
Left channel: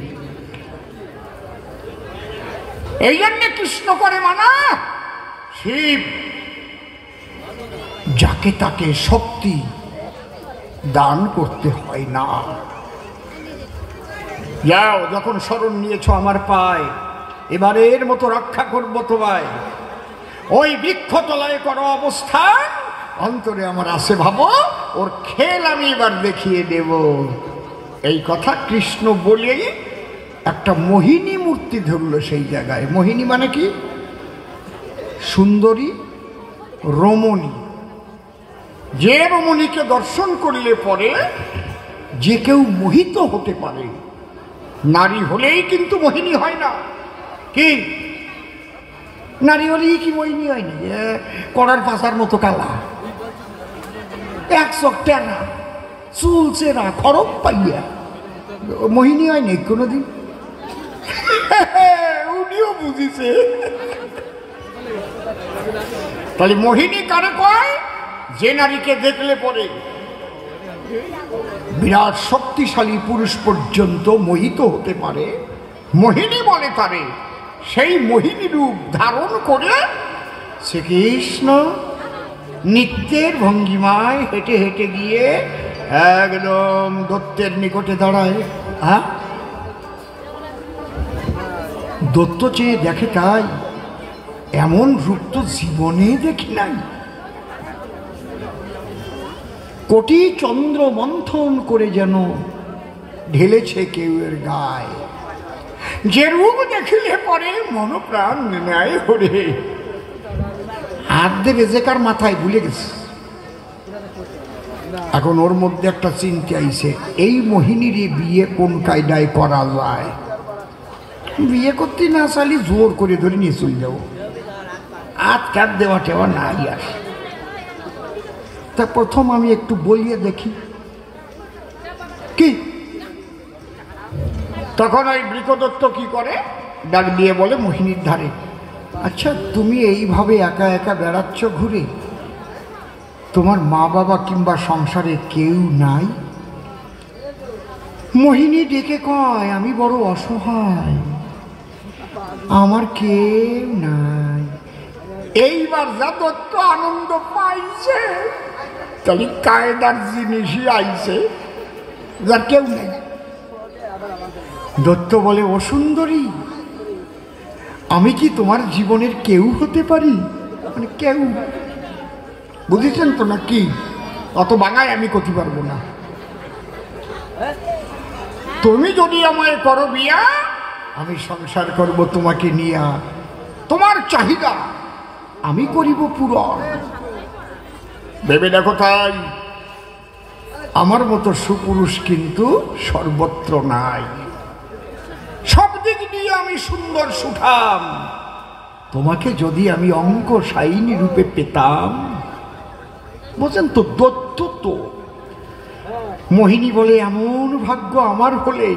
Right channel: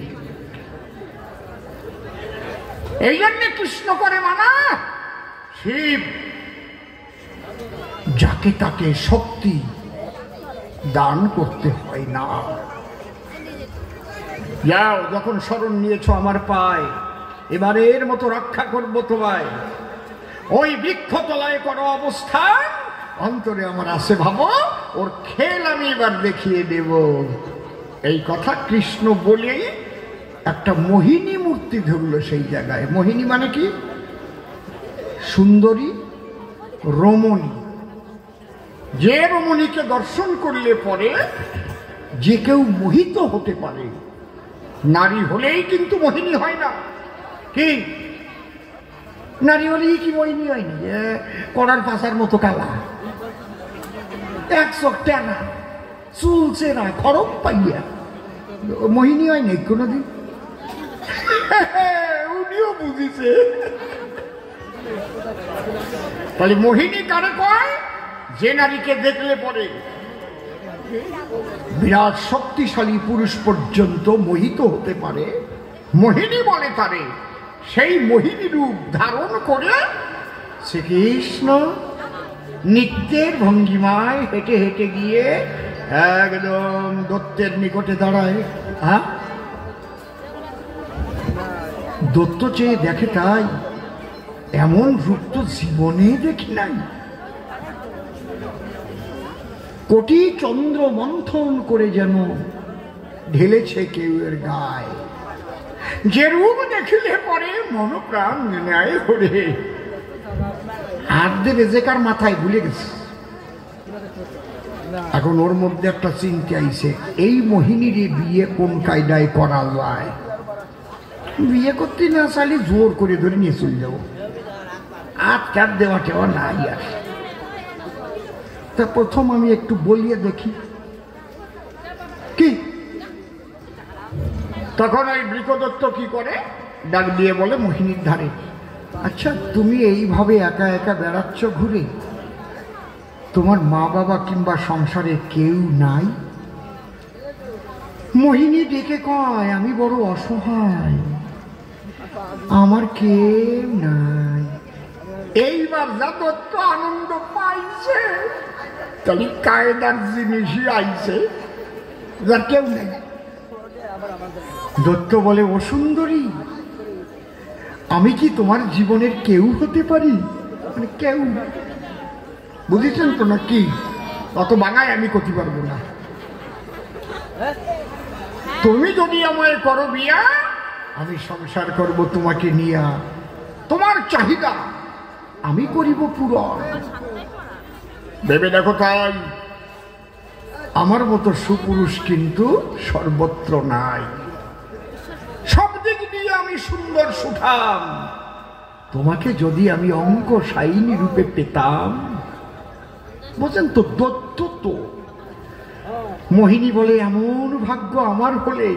এই জন্যে কৃষ্ণ করে মানা শিব যাকে তাকে শক্তি দান করতে হয় না। যাও, যখন শরণ নিয়েছ আমার পায়, এবারের মতো রক্ষা করবো তোমায়। ওই বৃক্ষতলায় করো অবস্থান, অন্তরে আমার আছে ভাবো, ওর খেল আমি এবার দেখিয়ে দেব। এই কথা কৃষ্ণ বলেই একটা মোহিনী মূর্তি ধরল সেই জায়গায়। মোহিনী মানে কি? সুন্দরী, রমণী। যে রমণীকে দর্শন করলে পরে যে কেউ মোহিত হতে পারে। নারী হলেই কিন্তু মোহিনী হয় না। কি নারী হলেই কি মোহিনী হয়নি? কড়ার পাশার মতো কালা, এক চোখ টেনা, চুল চেরা, খরম পাইয়া মোহিনী হয়নি কোনোদিন? উনিও বুঝিছে। তাহলে মোহিনী কারে কয়? যে নারীকে দেখলে পরে বিরাট শক্তিশালী পুরুষ পর্যন্ত মোহিত হতে পারে, মোহিনী বলে তারে। সেই মোহিনী রূপ ধারণ করে শ্রীকৃষ্ণ নিত্যের ভঙ্গিমায় হেঁটে হেঁটে গিয়ে একদম দত্তের নিকটে দাঁড়ায়। হ্যাঁ, দত্ত চেয়ে দেখে তাই এমন রূপ তো জীবনে দেখি নাই। কোটি চন্দ্র মন্থন করে যেন ঢেলেছে কেউ এর গায়ে। যে রূপ দেখিলে পরে মন প্রাণ নেয় হরে। হাত দেবে যে কার মাথায় ভুলে গেছে। এখন ওর মধ্যে একটা চিন্তা আইছে, এই মোহিনীর বিয়ে কোন কায়দায় করা যায়? বিয়ে করতে না চালি জোর করে ধরে নিয়ে চলে যাবো, হাত কাট দেওয়া টেওয়া নাই আর। তা প্রথম আমি একটু বলিয়ে দেখি কি। তখন ওই বৃকদত্ত কি করে, ডাক দিয়ে বলে মোহিনীর ধারে, আচ্ছা তুমি এইভাবে একা একা বেড়াচ্ছ ঘুরে, তোমার মা বাবা কিংবা সংসারে কেউ নাই? মোহিনী ডেকে কয়, আমি বড় অসহায়, আমার কেউ নাই। এইবার যা দত্ত আনন্দ পাইছে, তাহলে কায়দার জিনিসই আইছে, যার কেউ নেই। দত্ত বলে, ও সুন্দরী, আমি কি তোমার জীবনের কেউ হতে পারি? মানে কেউ, বুঝেছেন তো না কি? অত বাঙায় আমি করতে পারবো না। তুমি যদি আমায় করো বিয়া, আমি সংসার করব তোমাকে নিয়া, তোমার চাহিদা আমি করিব পূরণ। ভেবে দেখো তাই, আমার মতো সুপুরুষ কিন্তু সর্বত্র নাই। সব দিক দিয়ে আমি সুন্দর সুঠাম। তোমাকে যদি আমি অঙ্ক সাইনী রূপে পেতাম, বুঝেন তো? দত্ত তো মোহিনী বলে, এমন ভাগ্য আমার হলে,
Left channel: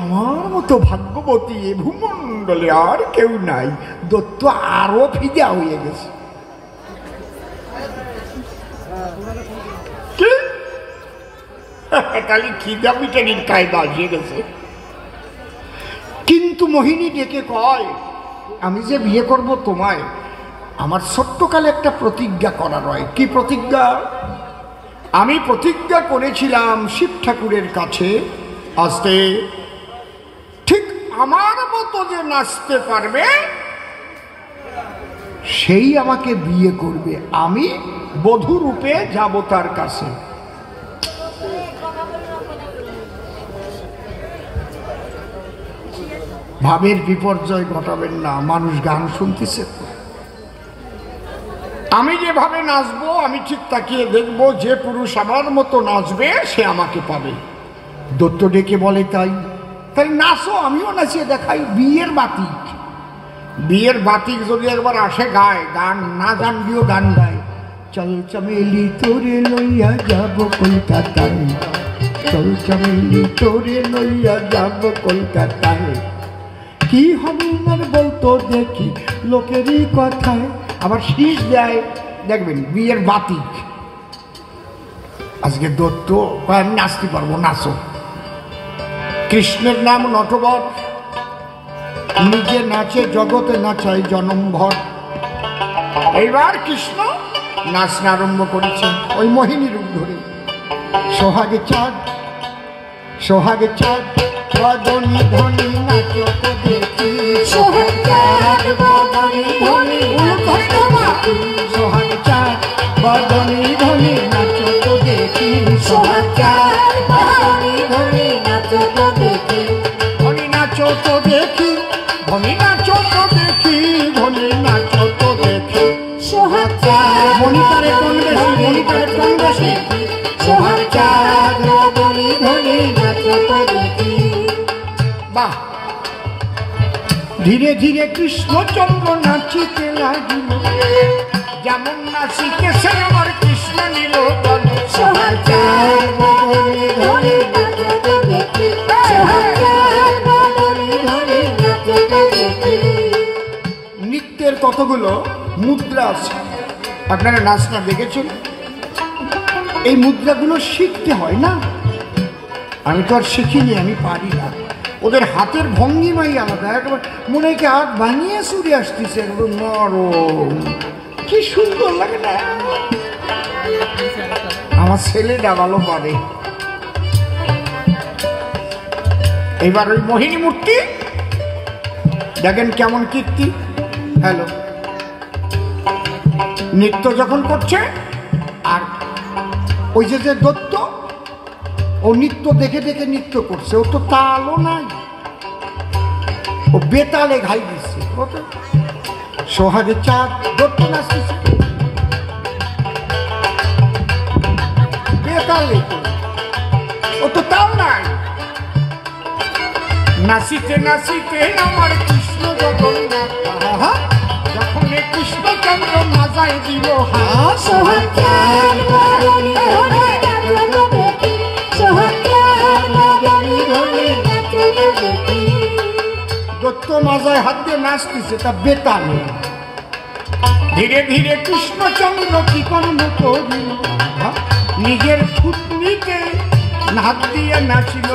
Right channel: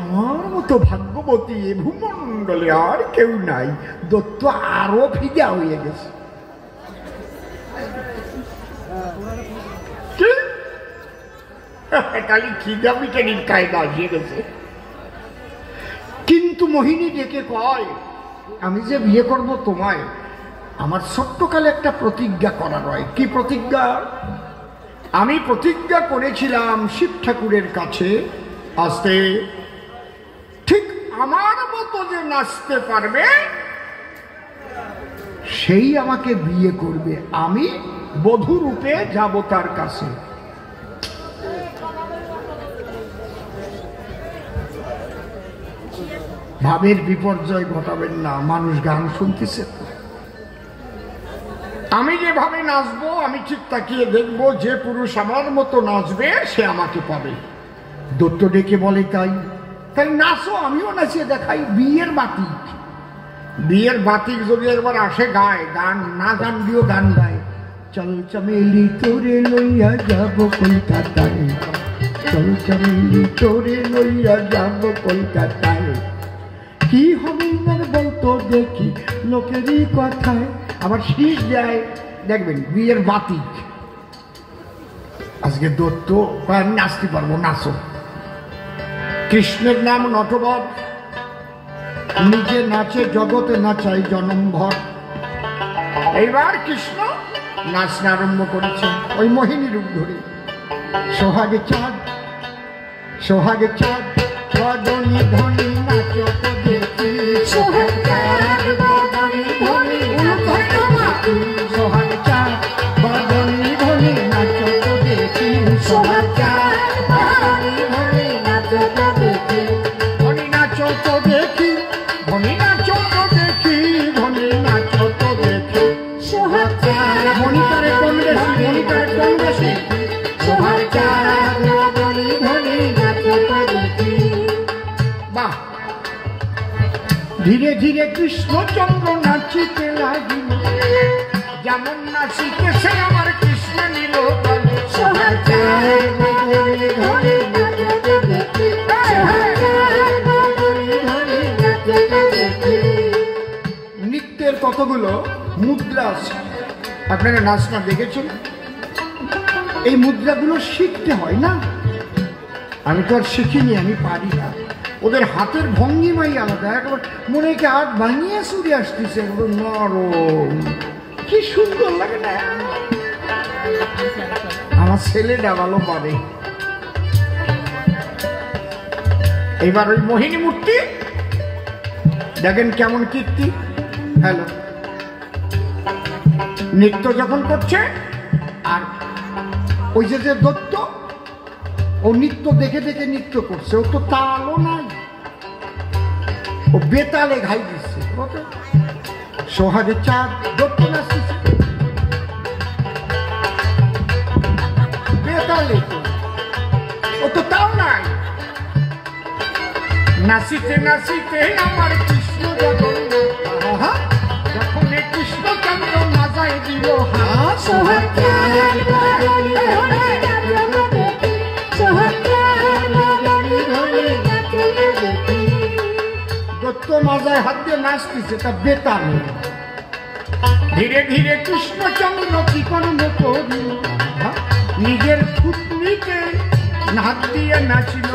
আমার মতো ভাগ্যবতী এ ভূমণ্ডলে আর কেউ নাই। দত্ত আরো ফিদা হয়ে গেছে। কি তাহলে খিদা মিটানির কায়দা আসিয়ে গেছে। কিন্তু মোহিনী ডেকে কয়, আমি যে বিয়ে করব তোমায়, আমার ছোট্টকালে একটা প্রতিজ্ঞা করা রয়। কি প্রতিজ্ঞা? আমি প্রতিজ্ঞা করেছিলাম শিব ঠাকুরের কাছে আসতে, ঠিক আমার মতো যে নাচতে পারবে সেই আমাকে বিয়ে করবে, আমি বধূ রূপে যাব তার কাছে। ভাবের বিপর্যয় ঘটাবেন না, মানুষ গান শুনতেছে। আমি যেভাবে নাচবো আমি ঠিক তাকিয়ে দেখবো, যে পুরুষ আমার মতো নাচবে সে আমাকে পাবে। দত্ত ডেকে বলে, তাই তাই নাচো, আমিও নাচিয়ে দেখাই। বিয়ের বাতিক, বিয়ের বাতিক যদি একবার আসে গায়, গান না জানলেও গান গায়। চল চমেলি তোরে লইয়া যাব কলকাতায়, চল চমেলি তোরে লইয়া যাব কলকাতায়। কি হবে আমার বলতো দেখি লোকেরই কথায়। আবার শীষ দেয়, দেখবেন বিয়ের বাতিক। আজকে দত্ত আমি নাচতে পারবো, নাচো। কৃষ্ণের নাম নটবর, নিজে নাচে জগতে নাচায় জনমভর। এইবার কৃষ্ণ নাচ আরম্ভ করেছে ওই মোহিনী রূপ ধরে। সোহাগে চাঁদ, সোহাগে চাঁদ, বদনি ধনি নাচো দেখি। সোহাগে চাঁদ, বদনি ধনি নাচো দেখি। সোহাগে চাঁদ, বদনি ধনি নাচো দেখি। সোহাগে চাঁদ, বদনি ধনি নাচো দেখি। ধনি নাচো দেখি, ধনি নাচো দেখি, ধনি নাচো দেখি। সোহাগে চাঁদ, মনিটারে কোন বেশি, মনিটারে কোন বেশি। সোহাগে চাঁদ, বদনি ধনি নাচো দেখি। বাহ! ধীরে ধীরে কৃষ্ণচন্দ্র নাচিতে লাগিল, যেমন নাচিতেছে আমার কৃষ্ণ নীলকণ্ঠ। নৃত্যের কতগুলো মুদ্রা আছে, আপনারা নাচটা দেখেছেন? এই মুদ্রাগুলো শিখতে হয় না? আমি তো আর শিখিনি, আমি পারি না। ওদের হাতের ভঙ্গিমাই আলাদা, একবার মনে হয় হাত ভাঙিয়ে চুরি আসতেছে, একদম নরম, কি সুন্দর লাগে না? আমার ছেলে ডাবালো পাবে। এবার ওই মোহিনী মূর্তি দেখেন কেমন কীর্তি। হ্যালো, নৃত্য যখন করছে, আর ওই যে দত্ত ও নৃত্য দেখে দেখে নৃত্য করছে, ও তো তালও নাই, ও বেতালে ঘাই দিচ্ছে। সোহাগে চাঁদ, দত্ত নাচতেছে বেতালে, ও তো তাল নাই। নাচিতে নাচিতে আমার কৃষ্ণ জগন্নাথ, যখন কৃষ্ণচন্দ্র মাজায় দিল হাত। দত্ত মাজায় হাত দিয়ে নাচতেছে, তা বেতালে। ধীরে ধীরে কৃষ্ণচন্দ্র কি কর্ম করিল, নিজের থুতনিতে হাত দিয়ে নাচিল।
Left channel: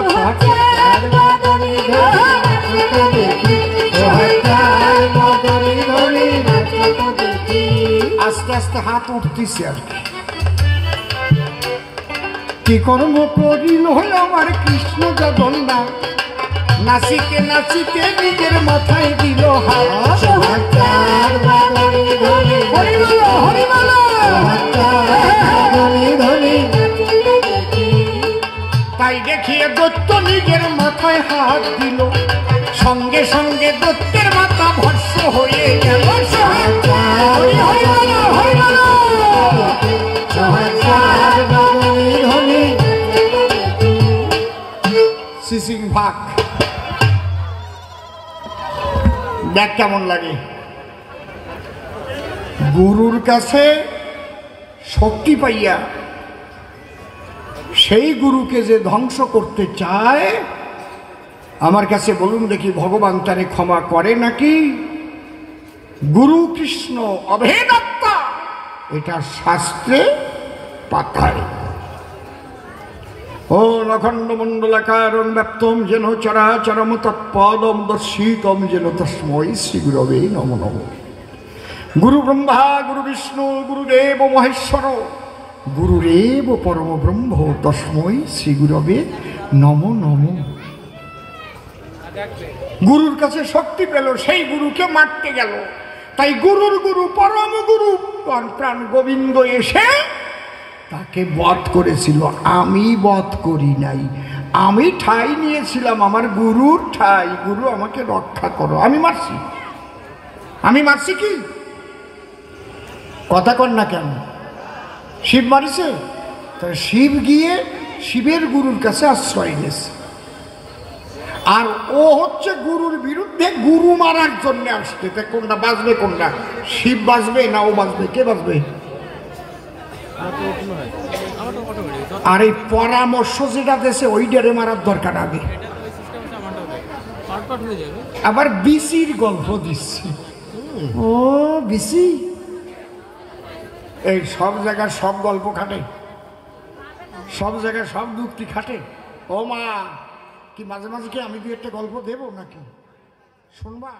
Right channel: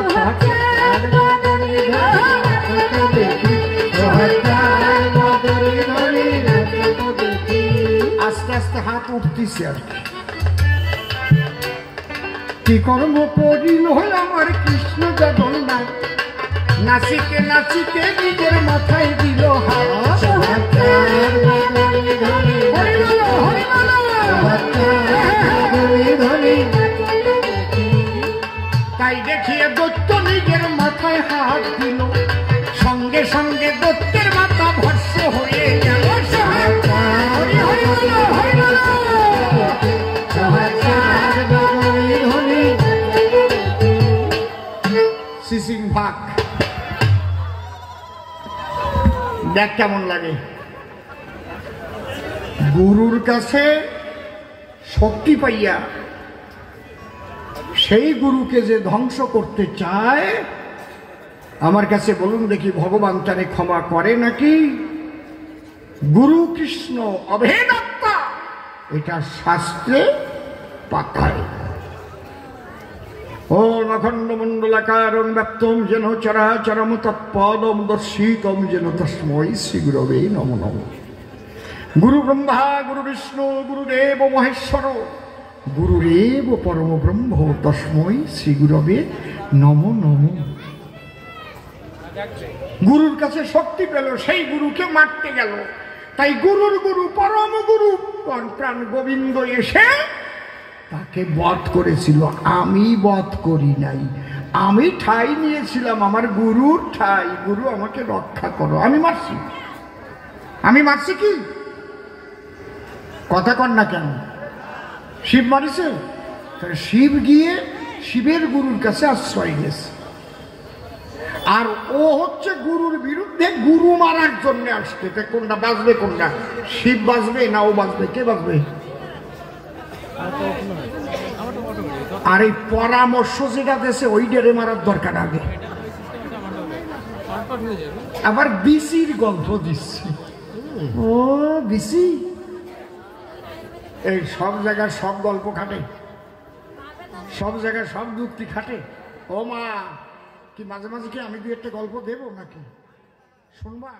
আস্তে আস্তে হাত উঠতেছে আর কি কর্ম করিল আমার কৃষ্ণ জগন্নাথ, নাচিতে নাচিতে নিজের মাথায় দিল হাত। তাই দেখিয়ে দত্ত নিজের মাথায় হাত দিল, সঙ্গে সঙ্গে দত্তের মাথা ভস্ম হয়ে গেল। সিসিং ভাগ দেখ কেমন লাগে। গুরুর কাছে শক্তি পাইয়া সেই গুরুকে যে ধ্বংস করতে চায়, আমার কাছে বলুন দেখি ভগবান তারে ক্ষমা করে নাকি? গুরু কৃষ্ণ অভেদ আত্মা, এটা শাস্ত্রে পাতায়। ও নখণ্ড মণ্ডলাকারং ব্যাপ্তম যেন চরাচরম তৎপদম দর্শিতম যেন তস্মৈ শ্রী গুরবে নমো নমঃ। গুরু ব্রহ্মা গুরু বিষ্ণু গুরুদেব মহেশ্বর গুরুরেব পরম ব্রহ্ম তস্মৈ শ্রী গুরবে নমো নমঃ। গুরুর কাছে শক্তি পেল, সেই গুরুকে মারতে গেল। তাই গুরুর গুরু পরম গুরু প্রাণ গোবিন্দ এসে তাকে বধ করেছিল। আমি বধ করি নাই, আমি ঠাই নিয়েছিলাম আমার গুরুর ঠাই। গুরু আমাকে রক্ষা করো, আমি মারছি। আমি মারছি কি? কথা কর না কেন? শিব মারিছে? শিব গিয়ে শিবের গুরুর কাছে আশ্রয় নিয়েছে, আর ও হচ্ছে গুরুর বিরুদ্ধে গুরু মারার জন্য আসছে। কোনটা বাঁচবে? কোনটা শিব বাঁচবে না ও বাঁচবে? কে বাঁচবে? আর এই পরামর্শ যেটা দেশে ওই ডেরে মারার দরকার আগে। আবার বিসির গল্প দিচ্ছি। ও বিসি এই সব জায়গায় সব গল্প খাটে, সব জায়গায় সব যুক্তি খাটে। ও মা, কি মাঝে মাঝে কি আমি দু একটা গল্প দেবো নাকি? শুনবা?